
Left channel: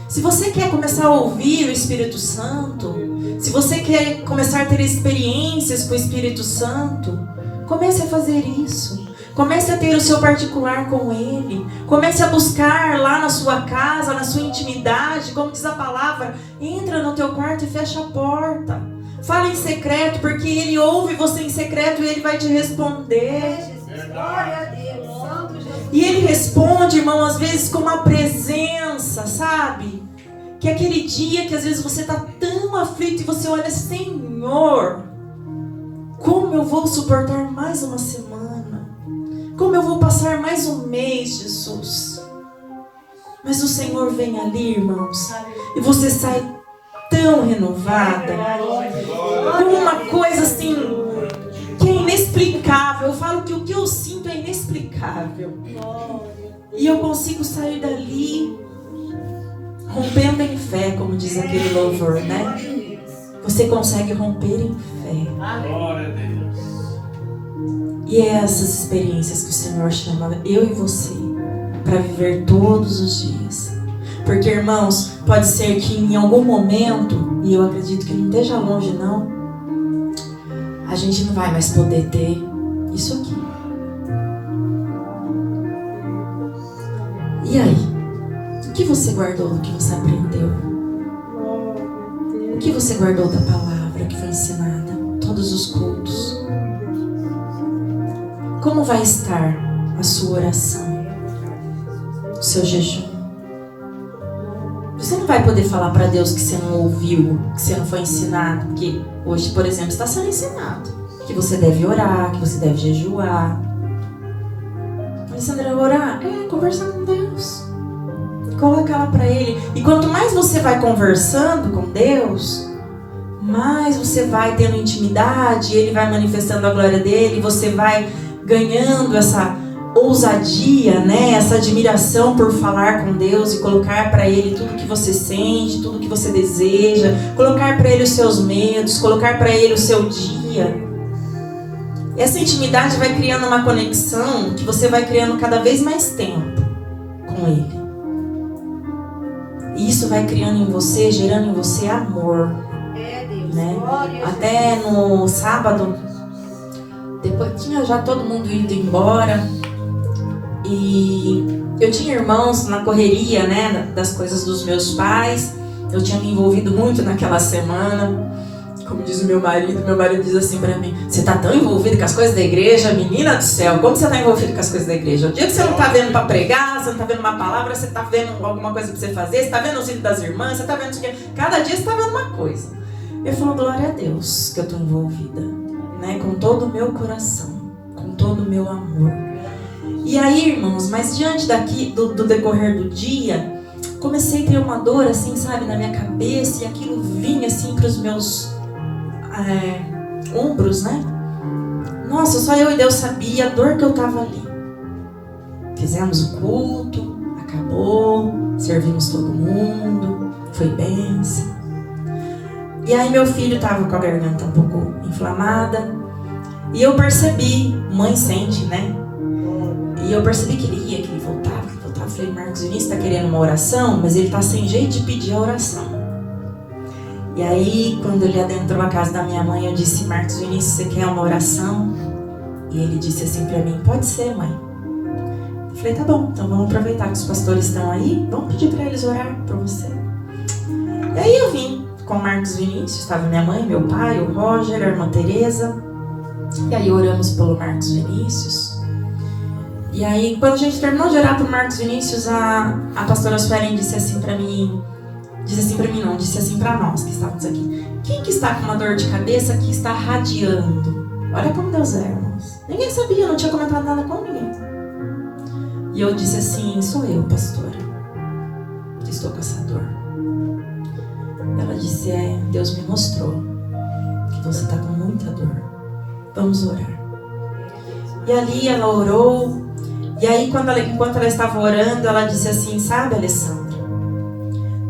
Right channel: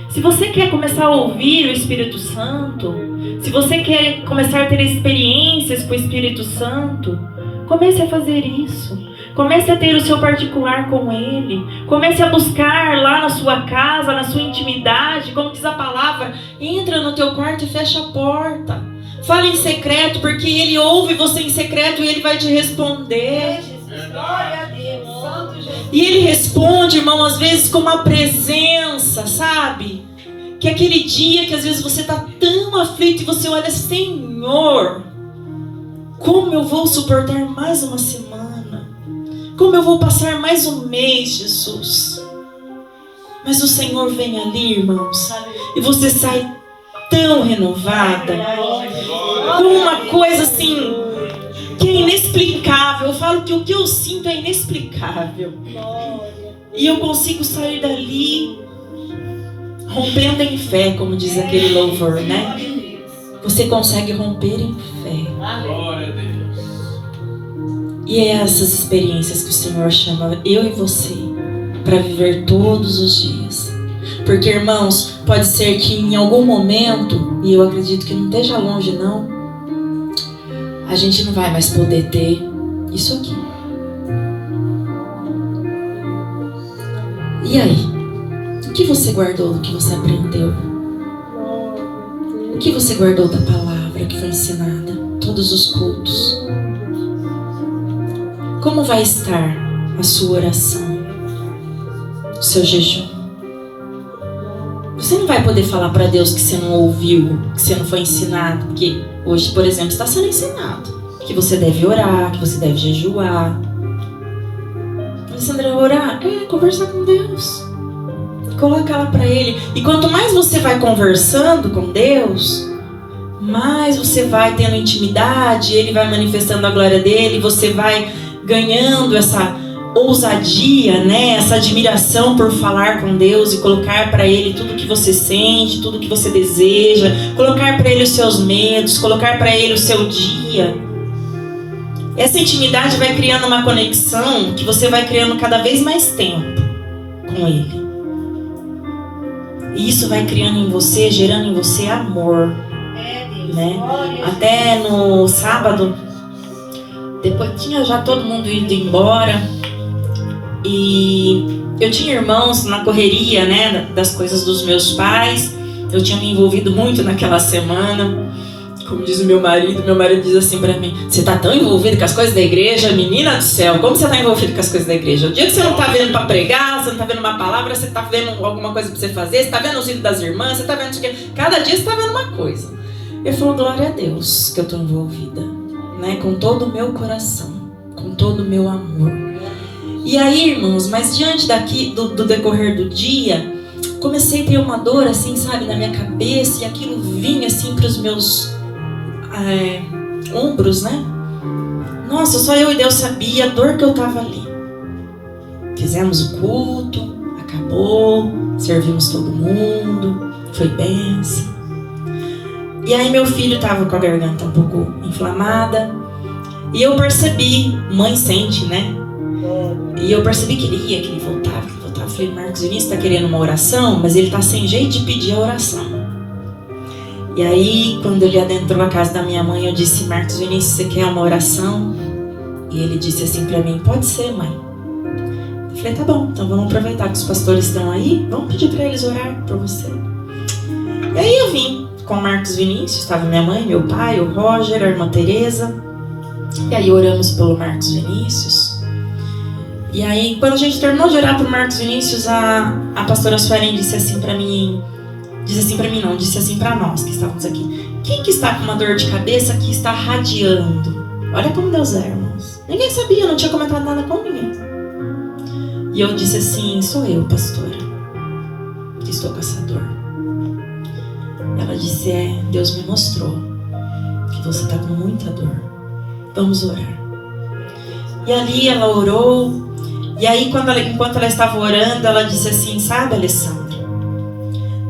Se você quer começar a ouvir o Espírito Santo, se você quer começar a ter experiências com o Espírito Santo, comece a fazer isso. Comece a ter o seu particular com Ele. Comece a buscar lá na sua casa, na sua intimidade, como diz a palavra, entra no teu quarto e fecha a porta. Fala em secreto, porque Ele ouve você em secreto e Ele vai te responder. Glória a Deus. Santo Jesus. E Ele responde, irmão, às vezes com uma presença, sabe? Que é aquele dia que às vezes você está tão aflito e você olha, Senhor, como eu vou suportar mais uma semana? Como eu vou passar mais um mês, Jesus? Mas o Senhor vem ali, irmãos, e você sai tão renovada, com uma coisa assim, que é inexplicável. Eu falo que o que eu sinto é inexplicável. E eu consigo sair dali rompendo em fé, como diz aquele louvor, né? Você consegue romper em fé. Glória a Deus. E é essas experiências que o Senhor chama eu e você para viver todos os dias. Porque, irmãos, pode ser que em algum momento, e eu acredito que não esteja longe não, a gente não vai mais poder ter isso aqui. E aí? O que você guardou do que você aprendeu? O que você guardou da palavra que foi ensinada? Todos os cultos. Como vai estar a sua oração? O seu jejum? Você não vai poder falar para Deus que você não ouviu, que você não foi ensinado. Porque hoje, por exemplo, está sendo ensinado que você deve orar, que você deve jejuar. Alessandra, orar é conversar com Deus. Coloca ela para Ele. E quanto mais você vai conversando com Deus, mais você vai tendo intimidade, Ele vai manifestando a glória dEle, você vai ganhando essa ousadia, né? Essa admiração por falar com Deus e colocar para Ele tudo que você sente, tudo que você deseja, colocar para Ele os seus medos, colocar para Ele o seu dia. Essa intimidade vai criando uma conexão que você vai criando cada vez mais tempo com Ele. E isso vai criando em você, gerando em você amor. É Deus. Né? Glória a Até no sábado, depois tinha já todo mundo indo embora e eu tinha irmãos na correria, né, das coisas dos meus pais. Eu tinha me envolvido muito naquela semana. Como diz o meu marido diz assim pra mim: você tá tão envolvido com as coisas da igreja, menina do céu, como você tá envolvido com as coisas da igreja? O dia que você não tá vendo pra pregar, você não tá vendo uma palavra, você tá vendo alguma coisa pra você fazer, você tá vendo os vídeos das irmãs, você tá vendo isso aqui. Cada dia você tá vendo uma coisa. Eu falo, glória a Deus que eu tô envolvida, né, com todo o meu coração, com todo o meu amor. E aí, irmãos, mas diante daqui do decorrer do dia, comecei a ter uma dor assim, sabe, na minha cabeça, e aquilo vinha assim pros meus ombros, né? Nossa, só eu e Deus sabia a dor que eu tava ali. Fizemos o culto, acabou, servimos todo mundo, foi bênção. E aí meu filho tava com a garganta um pouco inflamada, e eu percebi, mãe sente, né? E eu percebi que ele voltava. Eu falei, Marcos Vinícius tá querendo uma oração, mas ele tá sem jeito de pedir a oração. E aí, quando ele adentrou a casa da minha mãe, eu disse, Marcos Vinícius, você quer uma oração? E ele disse assim pra mim, pode ser, mãe. Eu falei, tá bom, então vamos aproveitar que os pastores estão aí, vamos pedir pra eles orar por você. E aí eu vim com o Marcos Vinícius, estava minha mãe, meu pai, o Roger, a irmã Tereza. E aí oramos pelo Marcos Vinícius. E aí, quando a gente terminou de orar pro Marcos Vinícius, a pastora Suelen disse assim pra mim, disse assim pra nós que estávamos aqui, quem que está com uma dor de cabeça que está radiando? Olha como Deus é, irmãos. Ninguém sabia, eu não tinha comentado nada com ninguém. E E eu disse assim: sou eu, pastora, que estou com essa dor. Ela disse: Deus me mostrou que você está com muita dor. Vamos orar. E ali ela orou. E aí, enquanto ela estava orando, ela disse assim: sabe, Alessandra,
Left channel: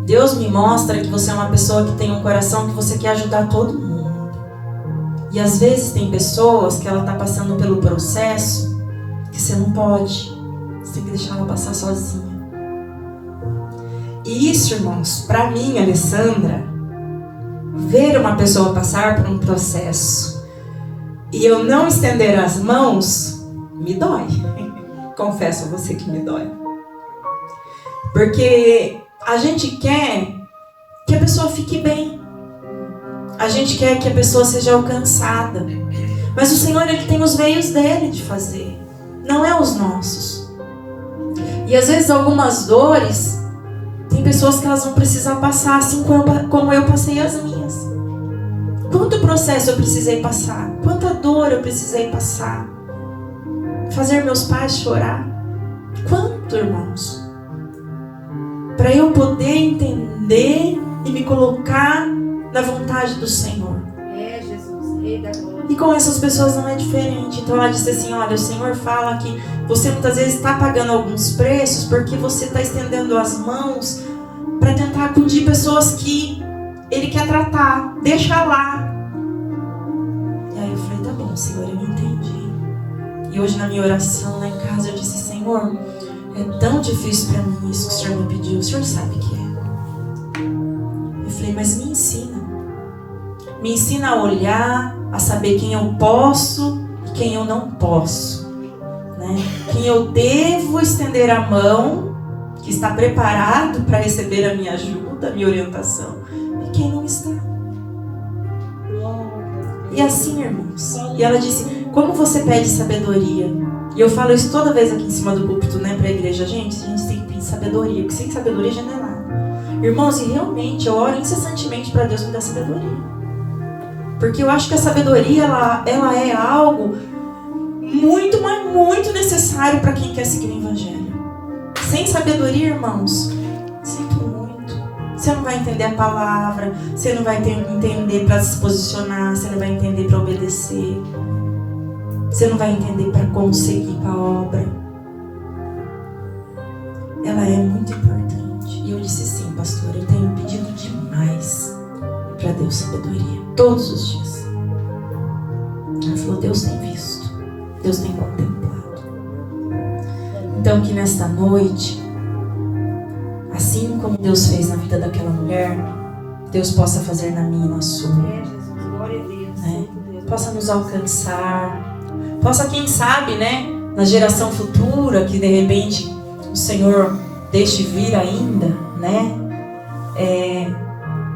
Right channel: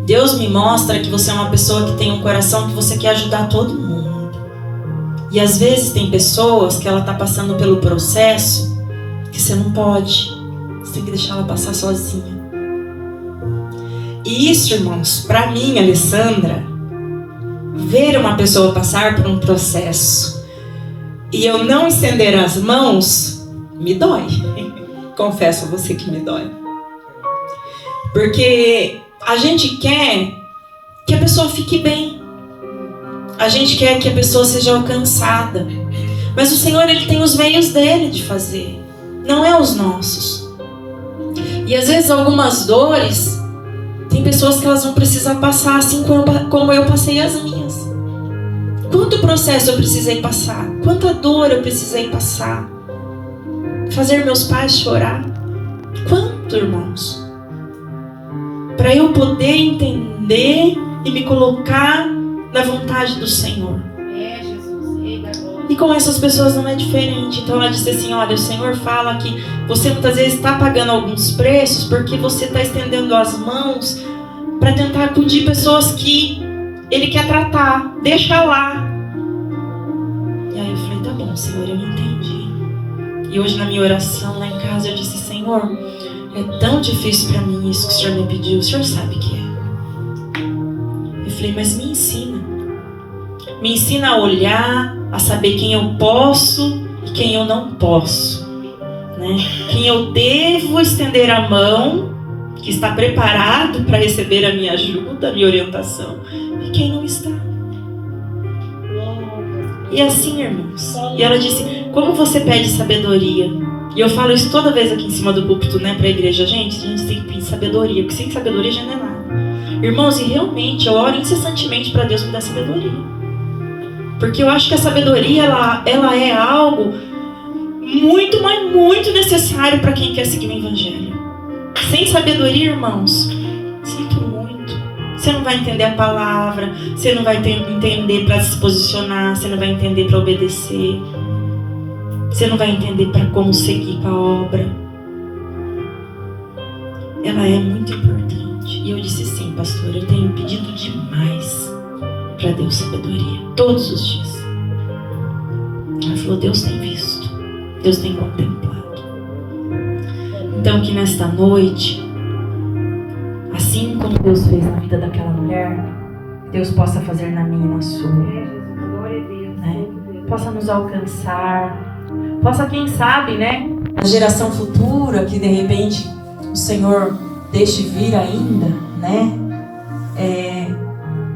Deus me mostra que você é uma pessoa que tem um coração que você quer ajudar todo mundo. E às vezes tem pessoas que ela está passando pelo processo que você não pode. Você tem que deixar ela passar sozinha. E isso, irmãos, para mim, Alessandra, ver uma pessoa passar por um processo e eu não estender as mãos, me dói. Confesso a você que me dói. Porque a gente quer que a pessoa fique bem. A gente quer que a pessoa seja alcançada. Mas o Senhor, Ele tem os meios dele de fazer. Não é os nossos. E às vezes algumas dores, tem pessoas que elas vão precisar passar assim como eu passei as minhas. Quanto processo eu precisei passar? Quanta dor eu precisei passar? Fazer meus pais chorar? Quanto, irmãos? Para eu poder entender e me colocar na vontade do Senhor. Jesus, Rei da Glória. E com essas pessoas não é diferente. Então ela disse assim: olha, o Senhor fala que você muitas vezes está pagando alguns preços porque você está estendendo as mãos para tentar acudir pessoas que Ele quer tratar. Deixa lá. E aí eu falei: tá bom, Senhor, eu entendi. E hoje na minha oração lá em casa eu disse: Senhor, é tão difícil para mim isso que o Senhor me pediu. O Senhor sabe que é. Eu falei: mas me ensina. Me ensina a olhar, a saber quem eu posso e quem eu não posso, né? Quem eu devo estender a mão, que está preparado para receber a minha ajuda, a minha orientação, e quem não está. E assim, irmãos. E ela disse: como você pede sabedoria? E eu falo isso toda vez aqui em cima do púlpito, né, para a igreja. Gente, a gente tem que pedir sabedoria, porque sem sabedoria já não é nada. Irmãos, e realmente eu oro incessantemente para Deus me dar sabedoria. Porque eu acho que a sabedoria, ela é algo muito, mas muito necessário para quem quer seguir o Evangelho. Sem sabedoria, irmãos, sinto muito. Você não vai entender a palavra, você não vai entender para se posicionar, você não vai entender para obedecer, você não vai entender para como seguir com a obra. Ela é muito importante. E eu disse: sim, pastor, eu tenho pedido demais para Deus sabedoria, todos os dias. Ela falou: Deus tem visto, Deus tem contemplado. Então que nesta noite, assim como Deus fez na vida daquela mulher, Deus possa fazer na minha e na sua, Jesus, glória a Deus. né? Possa nos alcançar, possa, quem sabe, né, a geração futura que de repente o Senhor deixe vir ainda, né,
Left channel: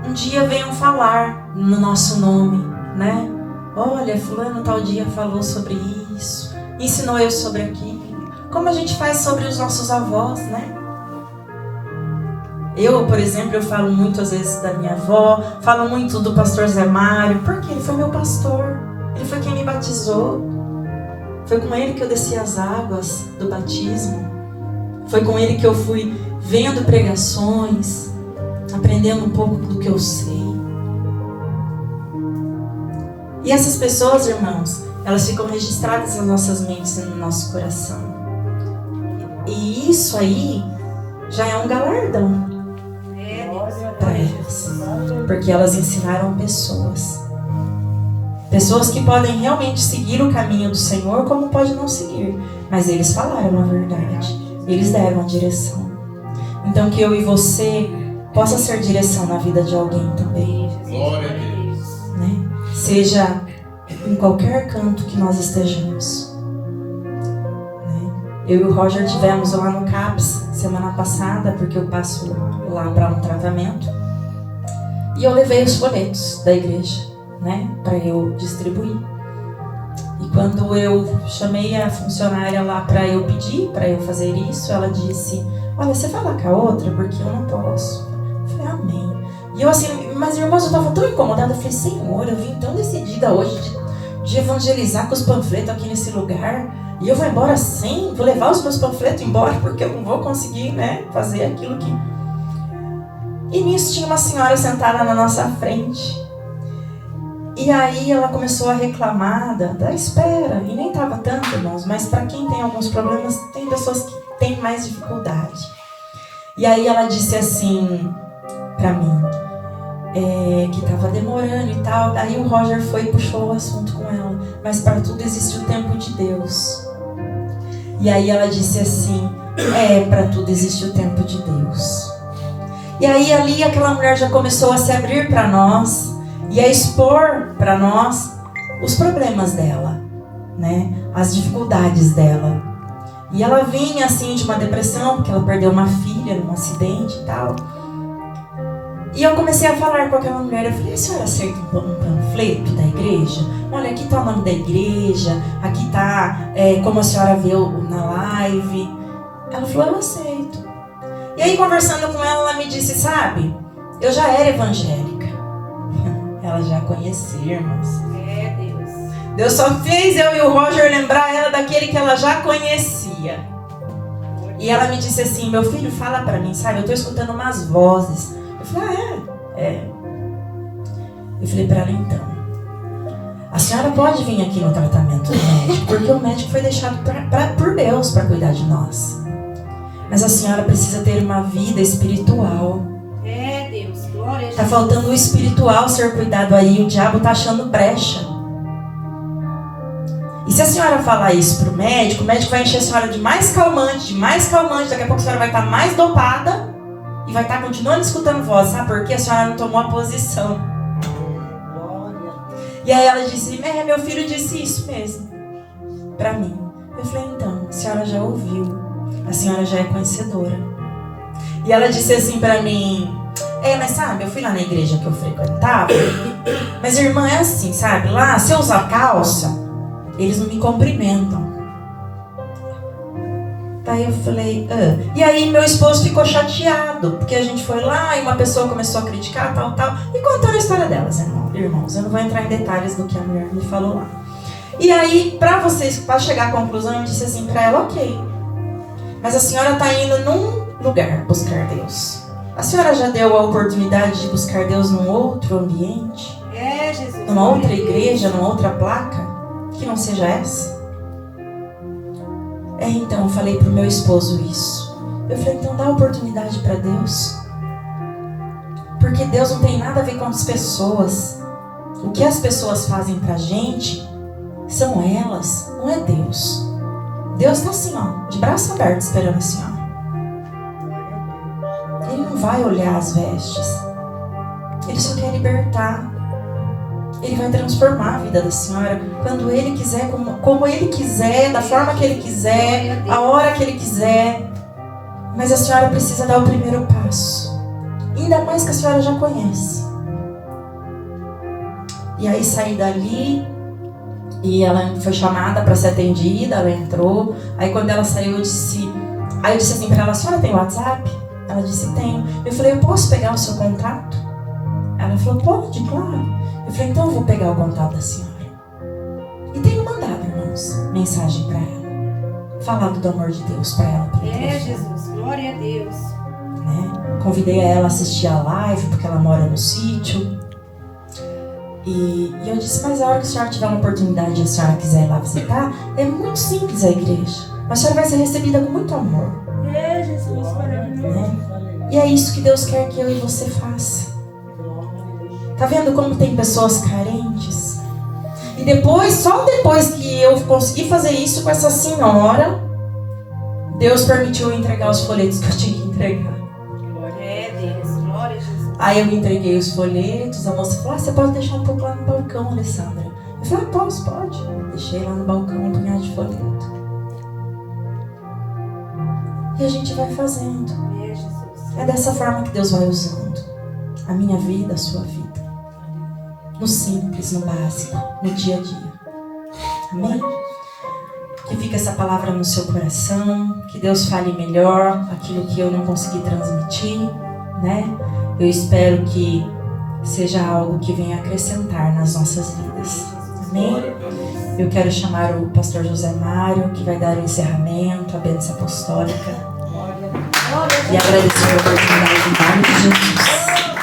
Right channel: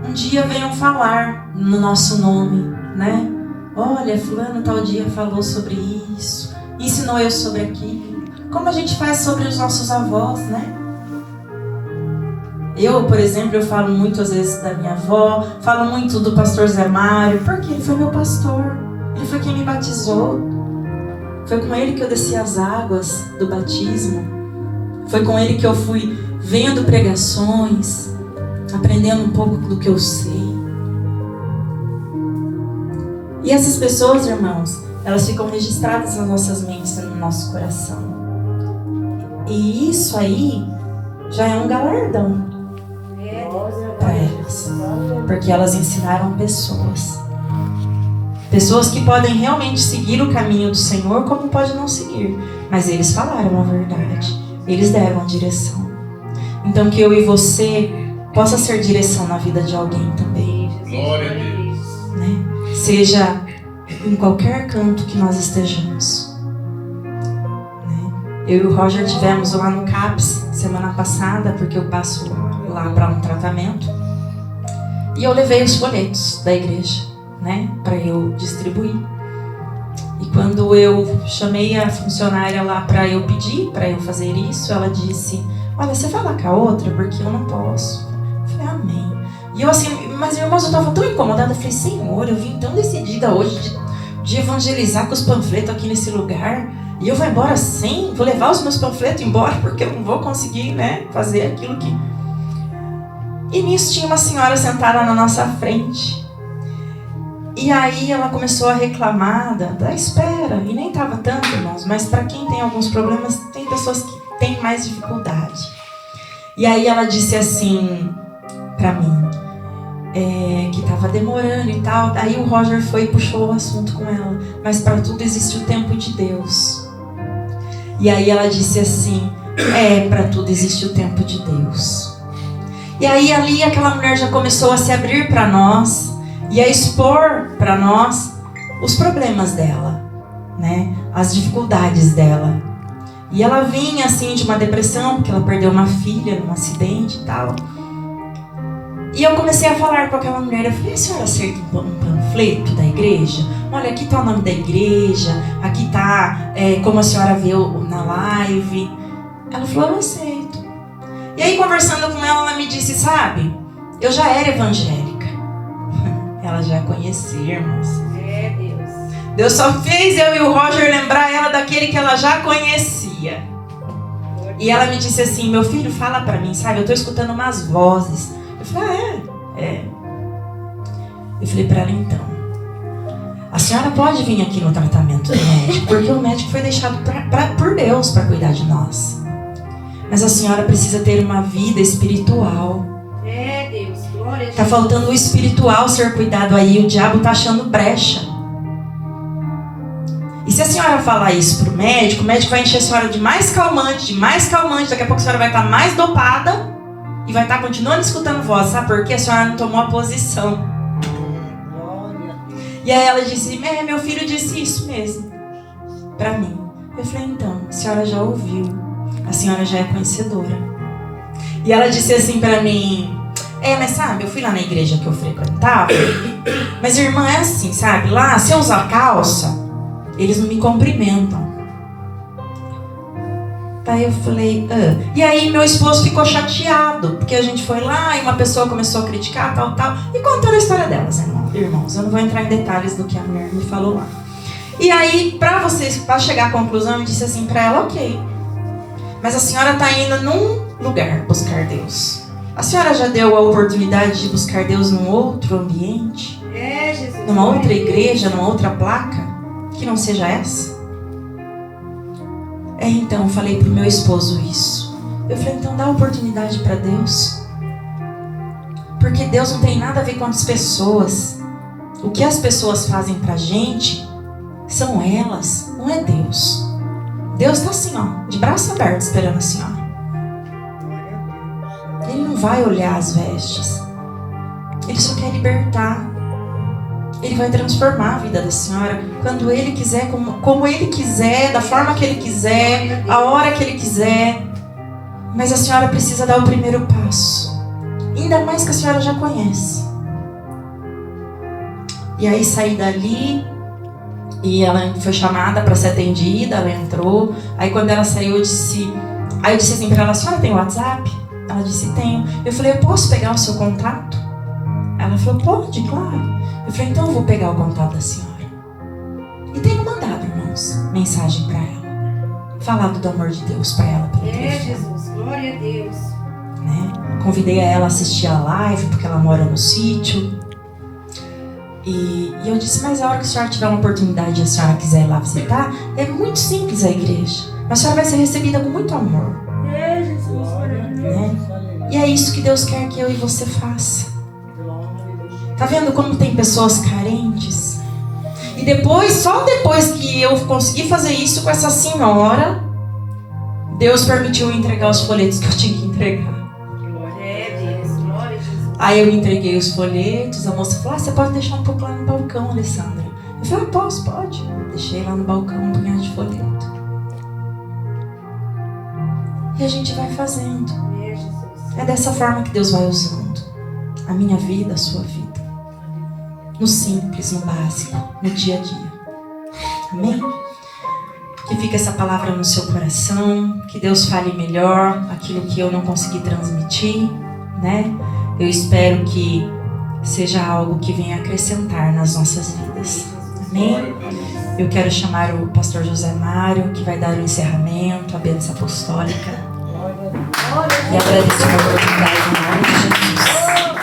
um dia venham falar no nosso nome, né? Olha, fulano tal dia falou sobre isso, ensinou eu sobre aquilo. Como a gente faz sobre os nossos avós, né? Eu, por exemplo, eu falo muito às vezes da minha avó, falo muito do pastor Zé Mário, porque ele foi meu pastor, ele foi quem me batizou. Foi com ele que eu desci as águas do batismo. Foi com ele que eu fui vendo pregações, aprendendo um pouco do que eu sei. E essas pessoas, irmãos, elas ficam registradas nas nossas mentes e no nosso coração. E isso aí já é um galardão para elas, porque elas ensinaram pessoas. Pessoas que podem realmente seguir o caminho do Senhor, como pode não seguir. Mas eles falaram a verdade. Eles deram a direção. Então que eu e você possa ser direção na vida de alguém também. Glória a Deus. Né? Seja em qualquer canto que nós estejamos. Né? Eu e o Roger tivemos lá no CAPS semana passada, porque eu passo lá para um tratamento. E eu levei os folhetos da igreja, né, para eu distribuir. E quando eu chamei a funcionária lá para eu pedir, para eu fazer isso, ela disse: olha, você vai lá com a outra, porque eu não posso. Eu falei: amém. E eu assim, mas irmãos, eu estava tão incomodada. Eu falei: Senhor, eu vim tão decidida hoje de evangelizar com os panfletos aqui nesse lugar. E eu vou embora sem, vou levar os meus panfletos embora, porque eu não vou conseguir, né, fazer aquilo que... E nisso tinha uma senhora sentada na nossa frente. E aí ela começou a reclamar da espera. E nem estava tanto, irmãos, mas para quem tem alguns problemas, tem pessoas que têm mais dificuldade. E aí ela disse assim para mim, que estava demorando e tal. Aí o Roger foi e puxou o assunto com ela. Mas para tudo existe o tempo de Deus. E aí ela disse assim, para tudo existe o tempo de Deus. E aí ali aquela mulher já começou a se abrir para nós e a expor para nós os problemas dela, né? As dificuldades dela. E ela vinha assim de uma depressão, porque ela perdeu uma filha num acidente e tal. E eu comecei a falar com aquela mulher, eu falei, a senhora aceita um panfleto da igreja? Olha, aqui está o nome da igreja, aqui está como a senhora viu na live. Ela falou, eu aceito. E aí, conversando com ela, ela me disse, sabe, eu já era evangélica. Ela já conhecia, irmãos. Deus. Deus só fez eu e o Roger lembrar ela daquele que ela já conhecia. E ela me disse assim, meu filho, fala pra mim, sabe, eu estou escutando umas vozes. Eu falei, Eu falei pra ela, então, a senhora pode vir aqui no tratamento do médico, porque o médico foi deixado por Deus para cuidar de nós. Mas a senhora precisa ter uma vida espiritual. Deus, glória a Deus. Tá faltando o espiritual ser cuidado aí, o diabo tá achando brecha. E se a senhora falar isso pro médico, o médico vai encher a senhora de mais calmante, daqui a pouco a senhora vai estar mais dopada e vai estar continuando escutando voz, sabe por quê? A senhora não tomou a posição. E aí ela disse, meu filho disse isso mesmo pra mim. Eu falei, então, a senhora já ouviu. A senhora já é conhecedora. E ela disse assim pra mim, mas sabe, eu fui lá na igreja que eu frequentava, mas irmã, é assim, sabe, lá, se eu usar calça, eles não me cumprimentam. Aí eu falei, E aí meu esposo ficou chateado, porque a gente foi lá e uma pessoa começou a criticar, tal. E contando a história delas, irmãos, eu não vou entrar em detalhes do que a mulher me falou lá. E aí, pra chegar à conclusão, eu disse assim pra ela, ok, mas a senhora está indo num lugar buscar Deus. A senhora já deu a oportunidade de buscar Deus num outro ambiente? Jesus. Numa outra igreja, numa outra placa? Que não seja essa? Então, eu falei pro meu esposo isso. Eu falei, então dá oportunidade para Deus. Porque Deus não tem nada a ver com as pessoas. O que as pessoas fazem pra gente são elas, não é Deus. Deus está assim, de braço aberto, esperando a senhora. Ele não vai olhar as vestes. Ele só quer libertar. Ele vai transformar a vida da senhora quando Ele quiser, como Ele quiser, da forma que Ele quiser, a hora que Ele quiser. Mas a senhora precisa dar o primeiro passo. Ainda mais que a senhora já conhece. E aí saí dali. E ela foi chamada para ser atendida, ela entrou. Aí quando ela saiu, eu disse assim para ela, a senhora tem WhatsApp? Ela disse, tenho. Eu falei, eu posso pegar o seu contato? Ela falou, pode, claro. Eu falei, então eu vou pegar o contato da senhora. E tenho mandado, irmãos, mensagem para ela. Falado do amor de Deus para ela. Jesus, glória a Deus. Né? Convidei a ela a assistir a live, porque ela mora no sítio. E eu disse, mas a hora que a senhora tiver uma oportunidade e a senhora quiser ir lá visitar, é muito simples a igreja. Mas a senhora vai ser recebida com muito amor. Jesus, né? E é isso que Deus quer que eu e você faça. Tá vendo como tem pessoas carentes? E só depois que eu consegui fazer isso com essa senhora, Deus permitiu eu entregar os folhetos que eu tinha que entregar. Aí eu entreguei os folhetos, a moça falou, você pode deixar um pouco lá no balcão, Alessandra. Eu falei, pode. Deixei lá no balcão um punhado de folheto. E a gente vai fazendo. É dessa forma que Deus vai usando a minha vida, a sua vida. No simples, no básico, no dia a dia. Amém? Que fique essa palavra no seu coração, que Deus fale melhor aquilo que eu não consegui transmitir, né? Eu espero que seja algo que venha acrescentar nas nossas vidas. Amém? Glória a Deus. Eu quero chamar o pastor José Mário, que vai dar o encerramento, a bênção apostólica. Glória a E agradecer a oportunidade em nome de Jesus.